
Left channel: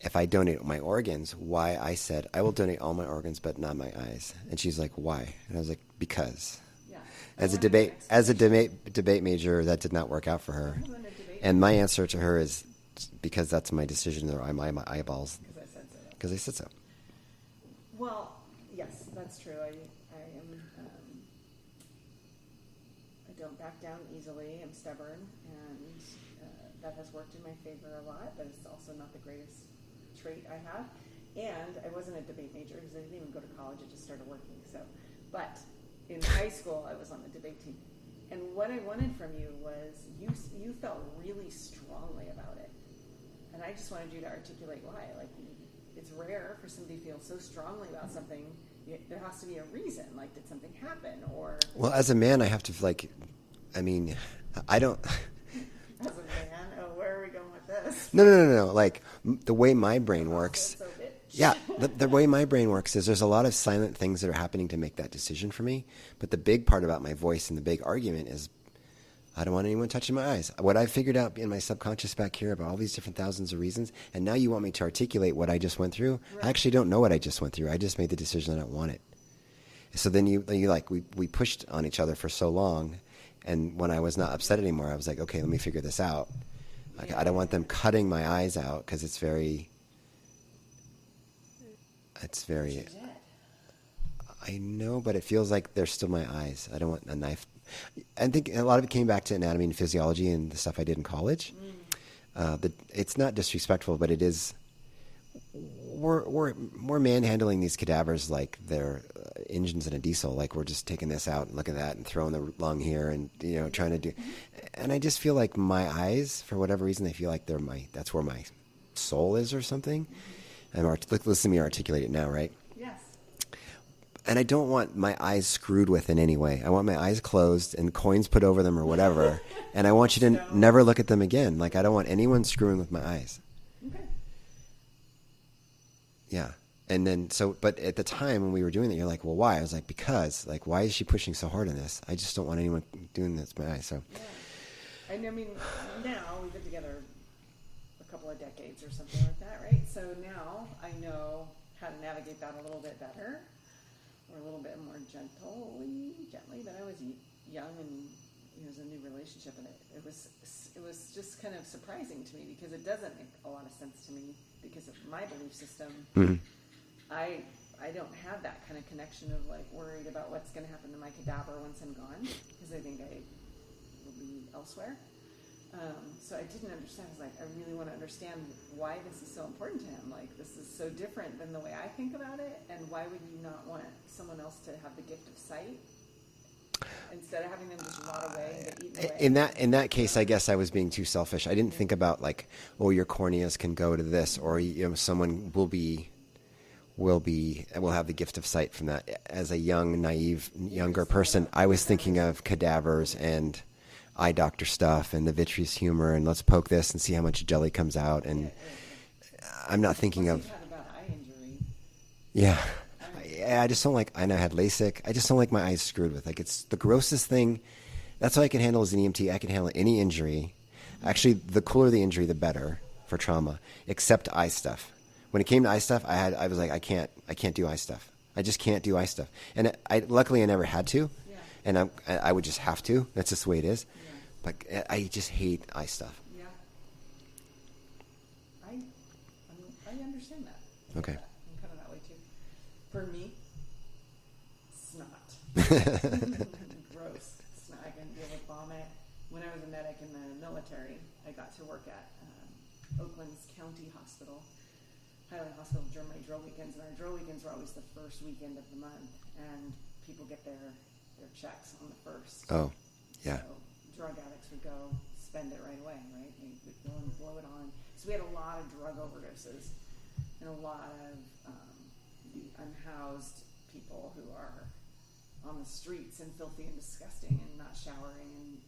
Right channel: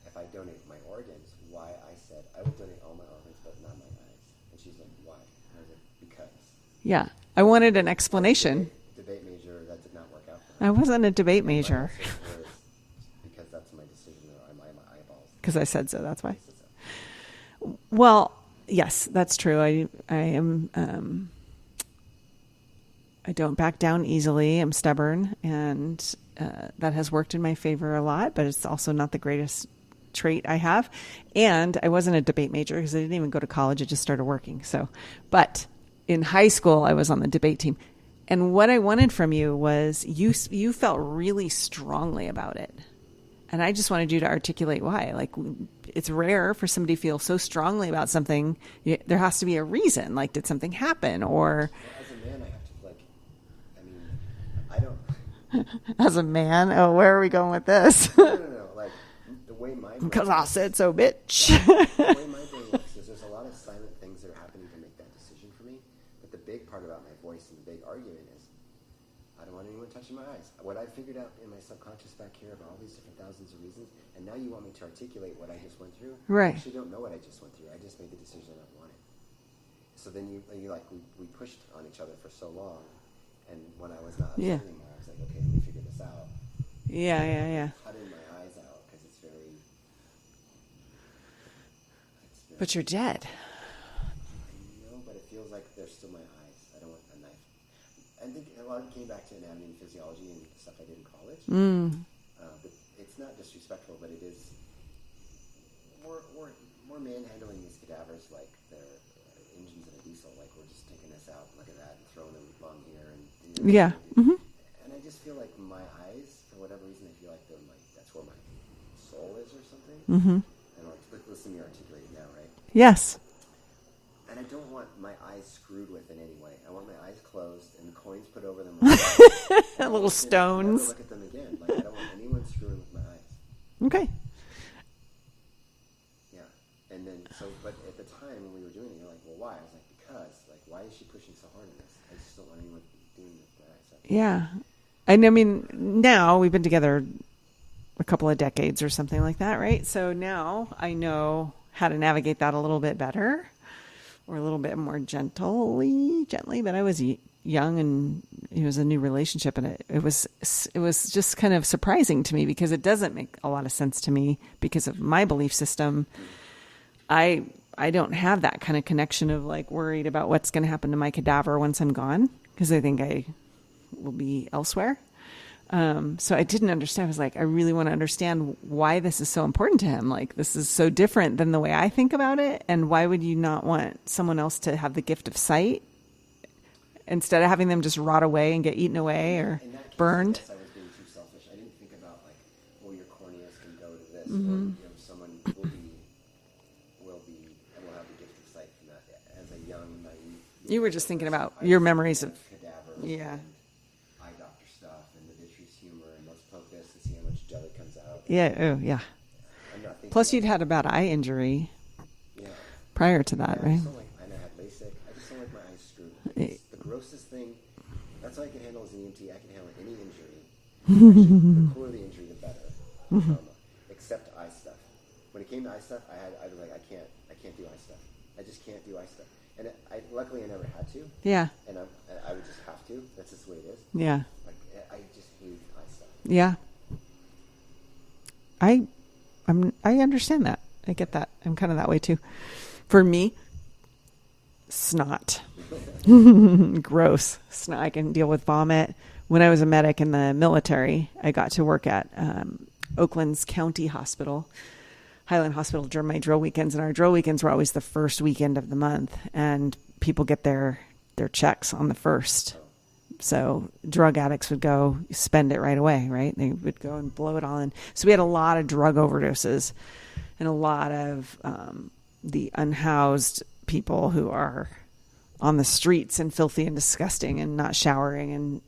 if I donate my organs, why I said, I will donate all my organs, but not my eyes. And she's like, why? And I was like, because. Yeah. I wanted an explanation. As a debate major, that did not work out for her. I wasn't a debate major. And my answer to her is because that's my decision, or my eyeballs. Because I said so. That's why. Because I said so. Well, yes, that's true. I am. I don't back down easily. I'm stubborn, and that has worked in my favor a lot. But it's also not the greatest trait I have. And I wasn't a debate major because I didn't even go to college. I just started working. So, but in high school, I was on the debate team. And what I wanted from you was you felt really strongly about it. And I just wanted you to articulate why. Like, it's rare for somebody to feel so strongly about something. There has to be a reason. Like, did something happen? Or... Well, as a man, I have to, I don't... As a man? Oh, where are we going with this? No. Like, the way my brain works... Because I said so, bitch. Yeah, the way my brain works is there's a lot of silent things that are happening to make that decision for me. But the big part about my voice and the big argument is I don't want anyone touching my eyes. What I figured out in my subconscious back here about all these different thousands of reasons, and now you want me to articulate what I just went through. Right. I actually don't know what I just went through. I just made the decision that I don't want it. So then we pushed on each other for so long, and when I was not upset anymore, I was like, okay, let me figure this out. Yeah, I don't want them cutting my eyes out because it's very. But you're dead. I know, but it feels like they're still my eyes. I don't want a knife. I think a lot of it came back to anatomy and physiology and the stuff I did in college. It's not disrespectful, but it is. We're manhandling these cadavers like they're engines in a diesel. Like we're just taking this out and looking at that and throwing the lung here and trying to do. Mm-hmm. And I just feel like my eyes, for whatever reason, they feel like that's where my soul is or something. Mm-hmm. Listen to me articulate it now, right? Yes. And I don't want my eyes screwed with in any way. I want my eyes closed and coins put over them or whatever. And I want you to never look at them again. Like I don't want anyone screwing with my eyes. Okay. Yeah. And then but at the time when we were doing that, you're like, well, why? I was like, because, like, why is she pushing so hard on this? I just don't want anyone doing this to my eyes. So yeah. And I mean, now we've been together a couple of decades or something like that, right? So now I know how to navigate that a little bit better. Or a little bit more gently, but I was young and it was a new relationship, and it was just kind of surprising to me because it doesn't make a lot of sense to me because of my belief system. Mm-hmm. I don't have that kind of connection of like worried about what's going to happen to my cadaver once I'm gone because I think I will be elsewhere. So I didn't understand. I was like, I really want to understand why this is so important to him. Like, this is so different than the way I think about it. And why would you not want someone else to have the gift of sight instead of having them just rot away and get eaten away? In that case, burned? I guess I was being too selfish. I didn't think about like, oh, your corneas can go to this, or someone will have the gift of sight from that. As a young, naive, younger person, I was thinking of cadavers and eye doctor stuff and the vitreous humor and let's poke this and see how much jelly comes out. And I'm not thinking. Plus, you'd had a bad eye injury. Yeah. Prior to that, I just don't like. I had LASIK. I just don't like my eyes screwed with. Like it's the grossest thing. That's all I can handle as an EMT. I can handle any injury. Actually, the cooler the injury, the better for trauma. Except eye stuff. When it came to eye stuff, I was like, I can't do eye stuff. I just can't do eye stuff. And luckily I never had to. Yeah. And I would just have to. That's just the way it is. Yeah. But I just hate eye stuff. Yeah. I understand that. I get that. I'm kind of that way too. For me, snot. Gross. Snot. I can deal with vomit. When I was a medic in the military, I got to work at Oakland's County Hospital. Highland Hospital during my drill weekends, and our drill weekends were always the first weekend of the month, and people get their checks on the first. Oh, yeah. So drug addicts would go spend it right away, right? They would go and blow it all in. So we had a lot of drug overdoses and a lot of the unhoused people who are on the streets and filthy and disgusting and not showering, and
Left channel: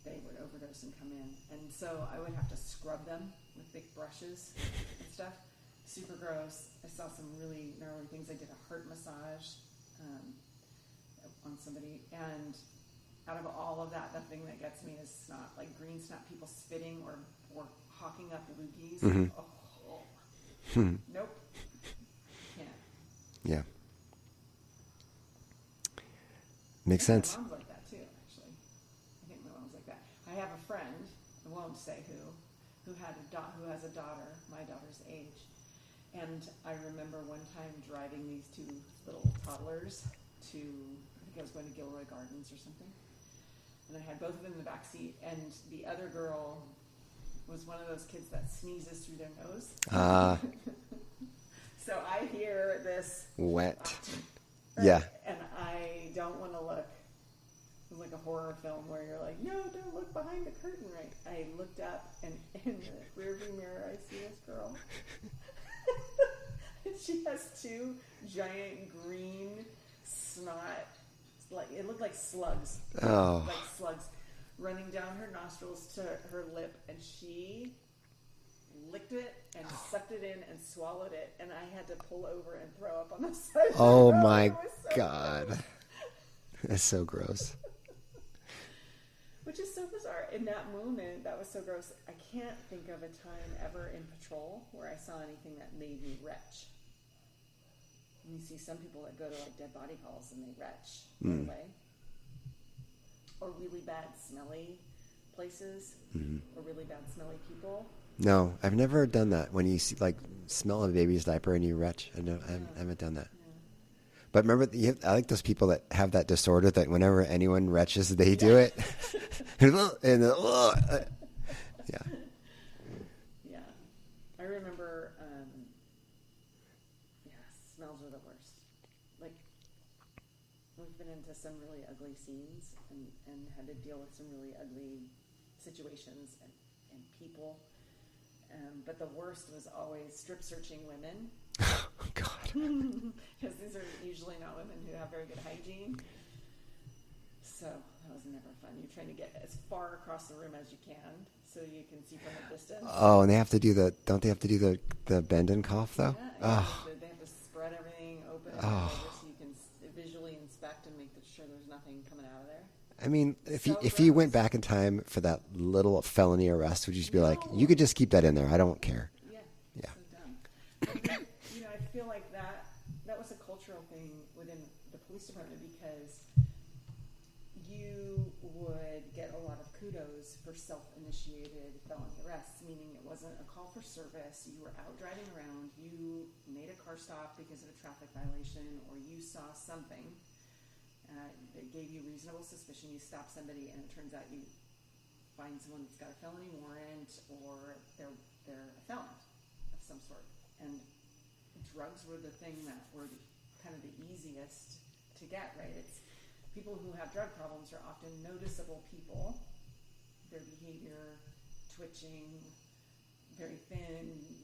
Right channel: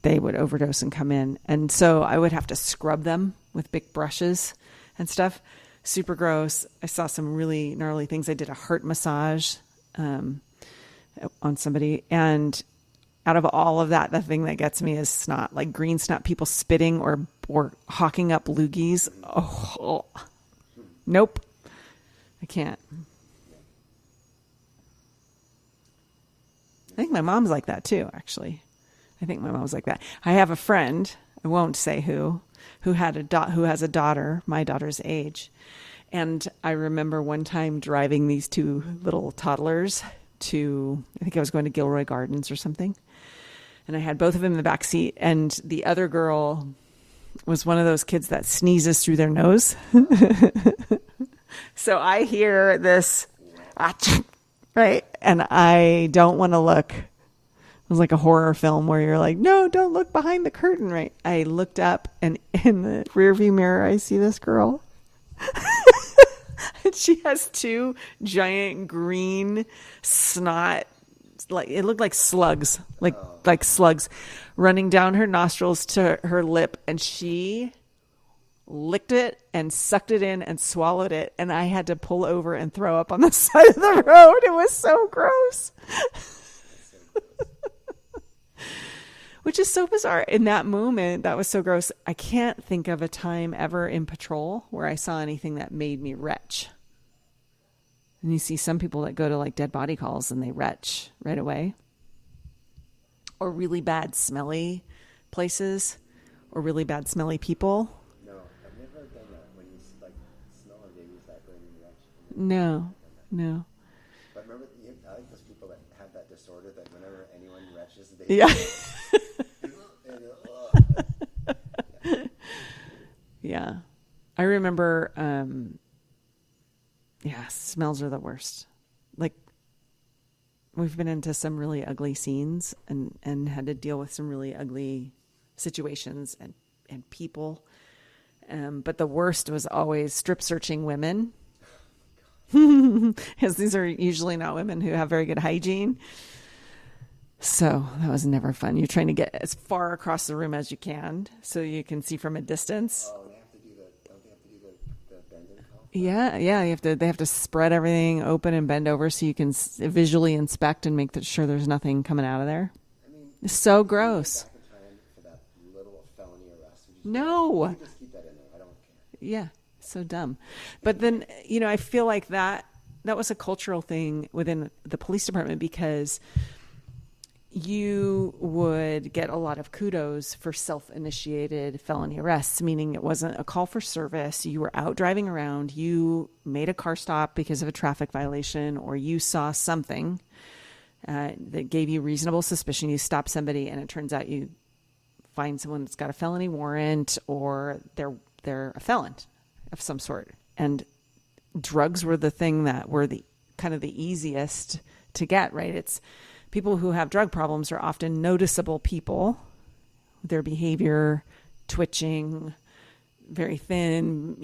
they would overdose and come in. And so I would have to scrub them with big brushes and stuff. Super gross. I saw some really gnarly things. I did a heart massage on somebody. And out of all of that, the thing that gets me is snot, like green snot, people spitting or hawking up loogies. Mm-hmm. Oh. Nope. I can't. Yeah. Makes I think sense. my mom's like that too, actually. I think my mom's like that. I have a friend, I won't say who has a daughter, my daughter's age. And I remember one time driving these two little toddlers to, I think I was going to Gilroy Gardens or something. And I had both of them in the back seat. And the other girl was one of those kids that sneezes through their nose. So I hear this Wet. right? Yeah. And I don't want to look. It was like a horror film where you're like, no, don't look behind the curtain, right? I looked up, and in the rearview mirror, I see this girl. And she has two giant green snot, like it looked like slugs, like slugs running down her nostrils to her lip, and she licked it and sucked it in and swallowed it, and I had to pull over and throw up on the side of the road. It was so gross. It's so gross. Which is so bizarre. In that moment, that was so gross. I can't think of a time ever in patrol where I saw anything that made me retch. And you see some people that go to like dead body calls and they retch right away. Or really bad smelly places, or really bad smelly people. No, I've never done that. When you see, like, smell a baby's diaper and you retch. I haven't done that. No. But remember, I like those people that have that disorder that whenever anyone retches, they do it. Yeah. Yeah. I remember, smells are the worst. Like, we've been into some really ugly scenes and had to deal with some really ugly situations and people. But the worst was always strip searching women. Oh, God. Because these are usually not women who have very good hygiene. So that was never fun. You're trying to get as far across the room as you can so you can see from a distance. Oh, and they have to do don't they have to do the bend and cough, though? Yeah. They have to spread everything open and bend over so you can visually inspect and make sure there's nothing coming out of there. I mean, It's if gross. you went back in time for that little felony arrest, would you just be No. like, you could just keep that in there. I don't care. Yeah. So dumb. But then, I feel like that was a cultural thing within the police department, because you would get a lot of kudos for self-initiated felony arrests, meaning it wasn't a call for service. You were out driving around, you made a car stop because of a traffic violation, or you saw something that gave you reasonable suspicion. You stop somebody and it turns out you find someone that's got a felony warrant, or they're a felon of some sort. And drugs were the thing that were the kind of the easiest to get, right? It's people who have drug problems are often noticeable people, their behavior, twitching, very thin,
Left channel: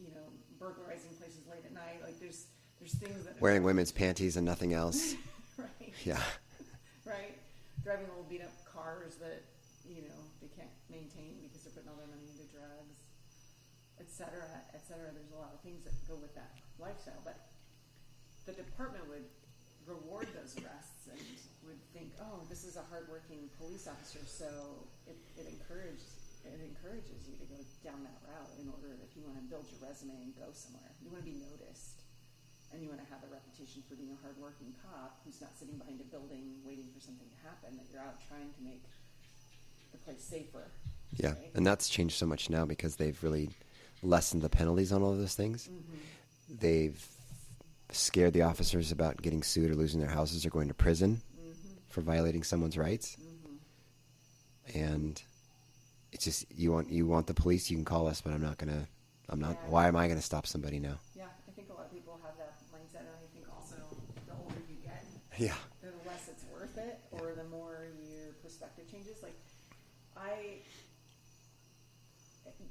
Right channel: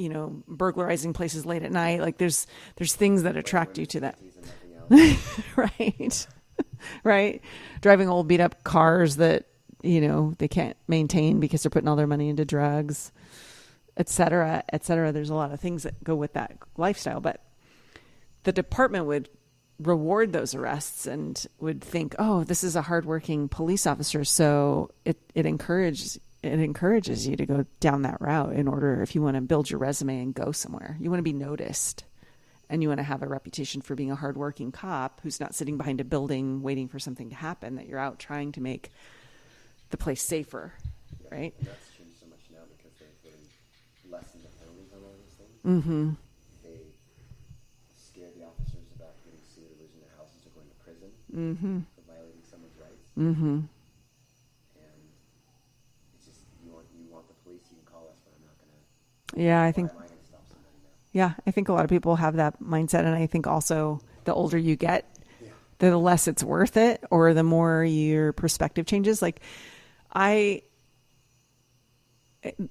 burglarizing places late at night. Like there's things that attract Wearing women's you to panties and nothing else. right. Yeah. Right. Driving old beat up cars that, they can't maintain because they're putting all their money into drugs, et cetera, et cetera. There's a lot of things that go with that lifestyle, but the department would reward those arrests and would think, oh, this is a hardworking police officer. So it encourages you to go down that route in order, if you want to build your resume and go somewhere. You want to be noticed, and you want to have a reputation for being a hardworking cop who's not sitting behind a building waiting for something to happen, that you're out trying to make the place safer. Yeah. Right? And that's changed so much now because they've really lessened the penalties on all of those things. Mm-hmm. They've scared the officers about getting sued or losing their houses or going to prison for violating someone's rights. Mm-hmm. And it's just, you want the police, you can call us, but I'm not going to. Why am I going to stop somebody now? Yeah, I think a lot of people have that mindset, and I think also the older you get, the less it's worth it, or the more your perspective changes. Like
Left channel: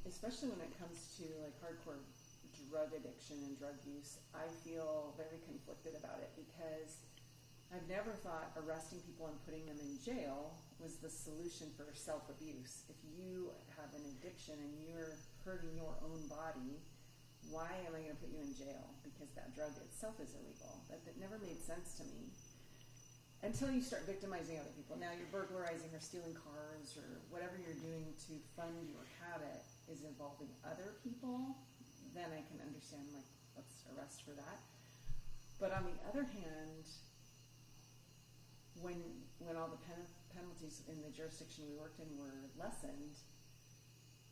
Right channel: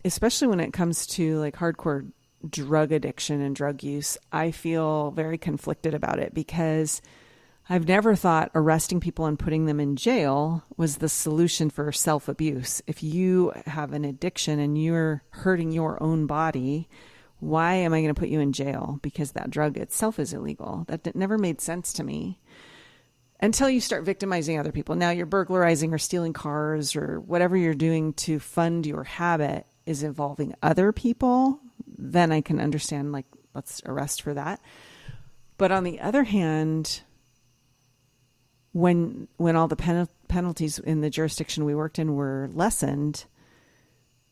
especially when it comes to like hardcore drug addiction and drug use, I feel very conflicted about it, because I've never thought arresting people and putting them in jail was the solution for self-abuse. If you have an addiction and you're hurting your own body, why am I going to put you in jail? Because that drug itself is illegal. That never made sense to me until you start victimizing other people. Now you're burglarizing or stealing cars or whatever you're doing to fund your habit is involving other people. Then I can understand, like, let's arrest for that. But on the other hand, when all the penalties in the jurisdiction we worked in were lessened,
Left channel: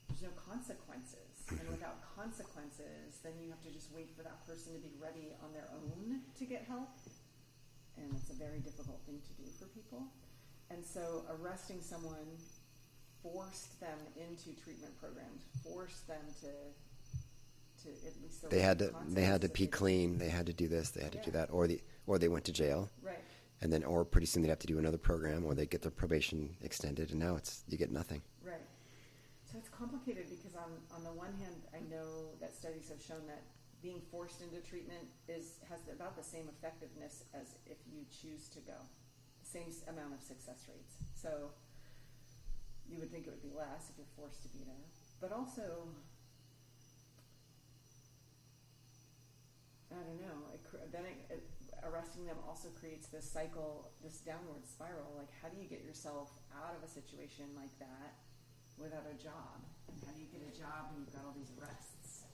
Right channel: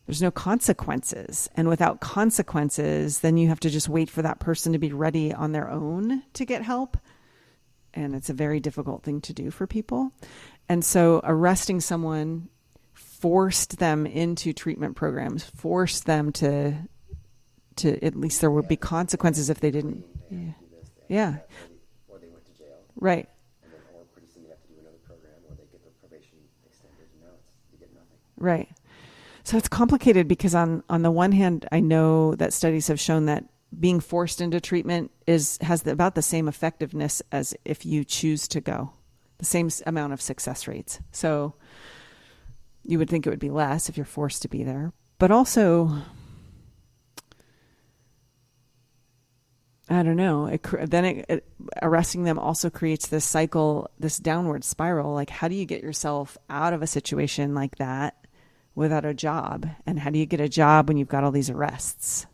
there's no consequences. And without consequences, then you have to just wait for that person to be ready on their own to get help. And it's a very difficult thing to do for people. And so arresting someone forced them into treatment programs, forced them to at least there would be consequences if they didn't. Clean. They had to do this. They had to do that. Or they went to jail. Right. And then, or pretty soon they'd have to do another program, or they get their probation extended, and now you get nothing. Right. So it's complicated because on the one hand, I know that studies have shown that being forced into treatment has about the same effectiveness as if you choose to go, the same amount of success rates. So you would think it would be less if you're forced to be there, but also, I don't know. Arresting them also creates this cycle, this downward spiral. Like, how do you get yourself out of a situation like that without a job? And how do you get a job when you've got all these arrests?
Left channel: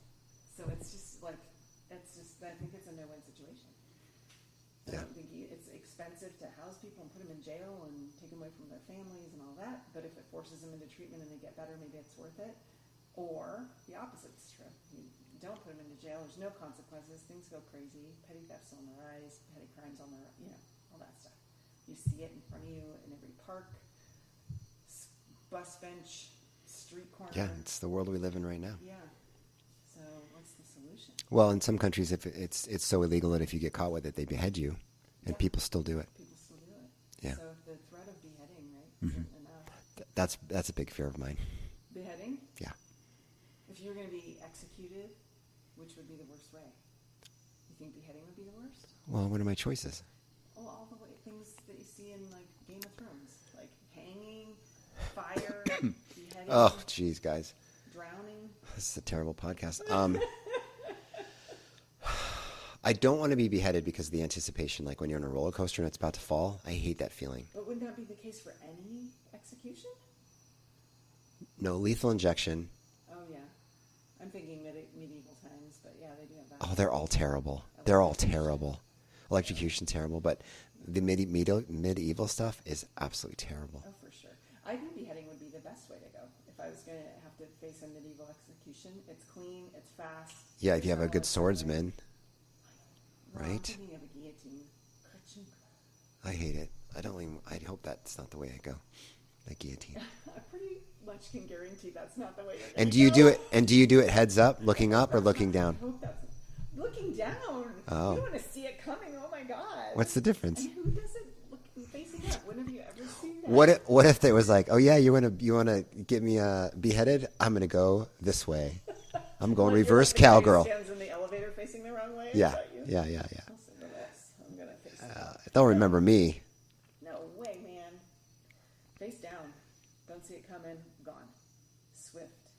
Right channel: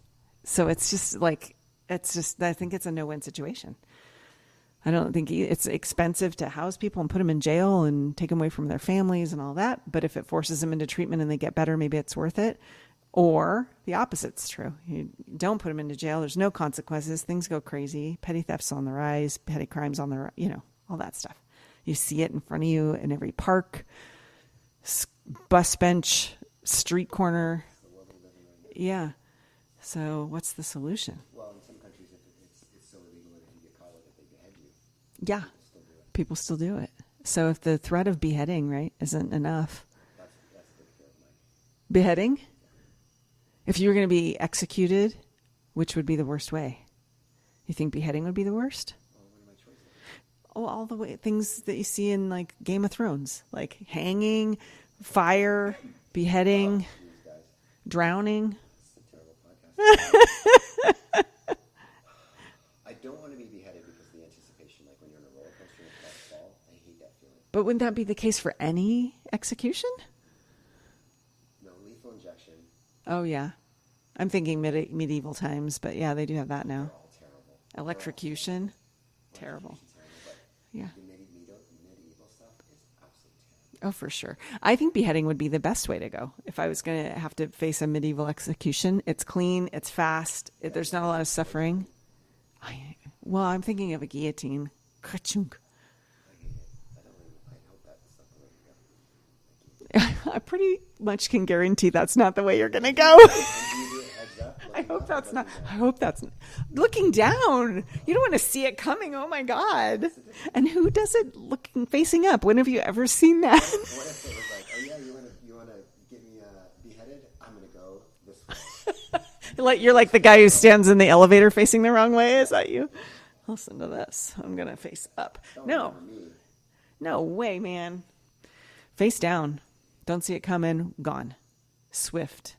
So I think it's a no-win situation. I don't think it's expensive to house people and put them in jail and take them away from their families and all that. But if it forces them into treatment and they get better, maybe it's worth it. Or the opposite's true. You don't put them into jail. There's no consequences. Things go crazy. Petty theft's on the rise. Petty crimes on the rise. All that stuff. You see it in front of you in every park, bus bench, street corner. Yeah, it's the world we live in right now. Yeah. So what's the solution? Well, in some countries, if it's so illegal that if you get caught with it, they behead you. Yeah. People still do it. People still do it. Yeah. So if the threat of beheading, right, isn't enough. That's a big fear of mine. Beheading? Yeah. If you were going to be executed, which would be the worst way? You think beheading would be the worst? Well, what are my choices? Oh, all the things that you see in like Game of Thrones, like hanging, fire, beheading. Oh, jeez, guys. Drowning. This is a terrible podcast. I don't want to be beheaded because of the anticipation, like when you're on a roller coaster and it's about to fall. I hate that feeling. But wouldn't that be the case for any execution? No, lethal injection. Oh, yeah. I'm thinking medieval times, but yeah, they do have that now. They're all terrible. Electrocution, terrible. But the medieval stuff is absolutely terrible. Oh, for sure. I think beheading would be the best way to go. If I was going to have to face a medieval execution, it's clean, it's fast. Yeah, there's not a lot of suffering. I'm thinking of a guillotine. Ka-chunk. I hate it. I hope that's not the way I go. A guillotine. I pretty much can guarantee that's not the way you're going to go. Do you do it heads up, looking up, or looking down? I hope that's looking down. Oh. You don't want to see it coming. Oh my God. What's the difference? And who does it facing up? When have you ever seen that? What if it was like, oh yeah, you want to get me beheaded? I'm going to go this way. I'm going. You're like the guy who stands in the elevator facing the wrong way. Yeah. Is that you? Yeah. Listen to this. I'm going to face up. They'll remember me. No way, man. Face down. Don't see it coming. Gone. Swift.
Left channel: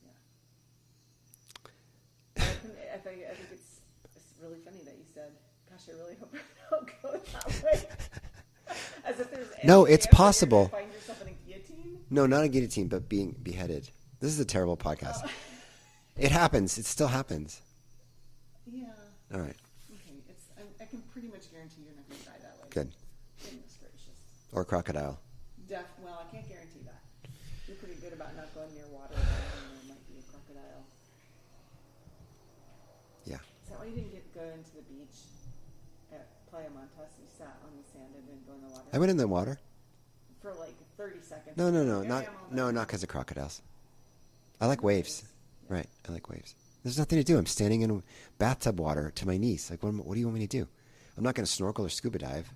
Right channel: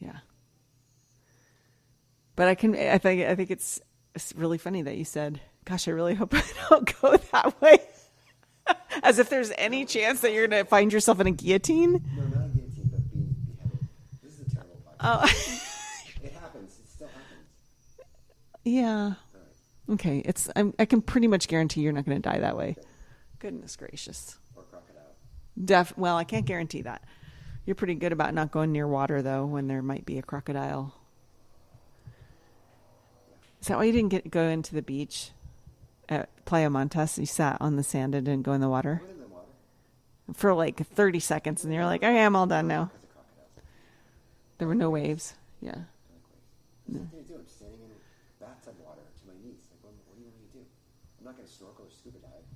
Yeah. But I think it's really funny that you said, gosh, I really hope I don't go that way. As if there's any chance that you're going to find yourself in a guillotine. No, not a guillotine, but being beheaded. This is a terrible podcast. Oh. It happens. It still happens. Yeah. All right. Okay. I can pretty much guarantee you're not going to die that way. Good. Goodness gracious. Or crocodile. Well, I can't guarantee that. You're pretty good about not going near water, though, when there might be a crocodile. Yeah. Is that why you didn't go into the beach at Playa Montes? You sat on the sand and didn't go in the water? I went in the water. For like 30 seconds, and you're like, okay, I'm all done now. Not because of crocodiles. I like no waves. Yeah. Right. I like waves. There's nothing to do. I'm standing in bathtub water to my knees. Like, what do you want me to do? I'm not going to snorkel or scuba dive.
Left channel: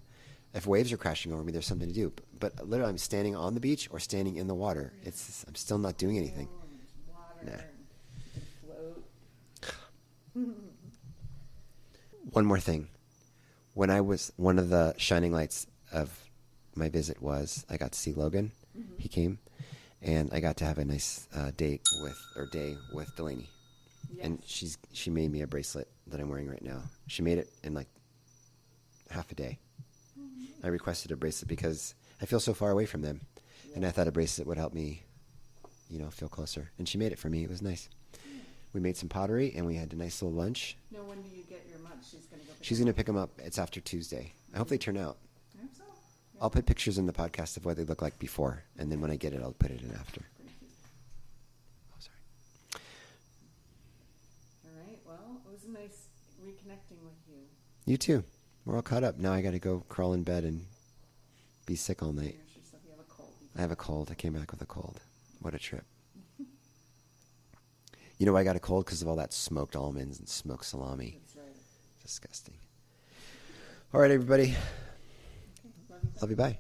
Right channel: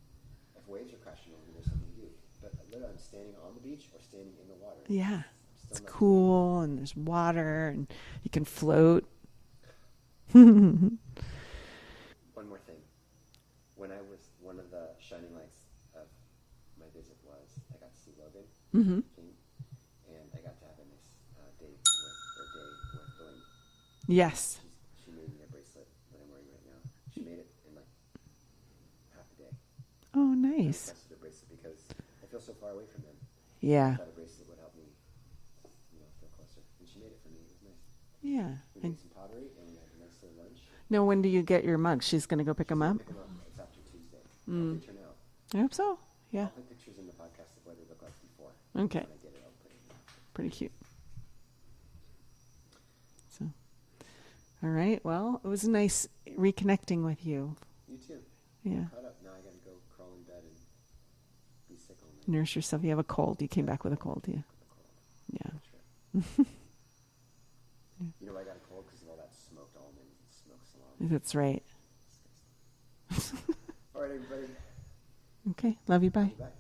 If waves are crashing over me, there's something to do. But literally, I'm standing on the beach or standing in the water. Yeah. I'm still not doing anything. And there's water, and you can float. One more thing. When I was, one of the shining lights of my visit was I got to see Logan. Mm-hmm. He came, and I got to have a nice day with Delaney. Yes. And she made me a bracelet that I'm wearing right now. She made it in like half a day. Oh, nice. I requested a bracelet because I feel so far away from them. Yeah. And I thought a bracelet would help me, feel closer. And she made it for me. It was nice. Yeah. We made some pottery, and we had a nice little lunch. No, when do you get your mug? She's going to go pick them up? She's going to pick them up. It's after Tuesday. I hope they turn out. I hope so. Yeah. I'll put pictures in the podcast of what they look like before. And then when I get it, I'll put it in after. Pretty cute. Oh, sorry. So, all right. Well, it was nice reconnecting with you. You too. We're all Yeah. caught up. Now I got to go crawl in bed and be sick all night. Nurse yourself. You have a cold. You I came had a back with a cold. cold. I came back with a cold. Yeah. What a trip. You know why I got a cold? Because of all that smoked almonds and smoked salami. That's right. Disgusting. All right, everybody. Okay. Love you. Bye. Love you. Bye.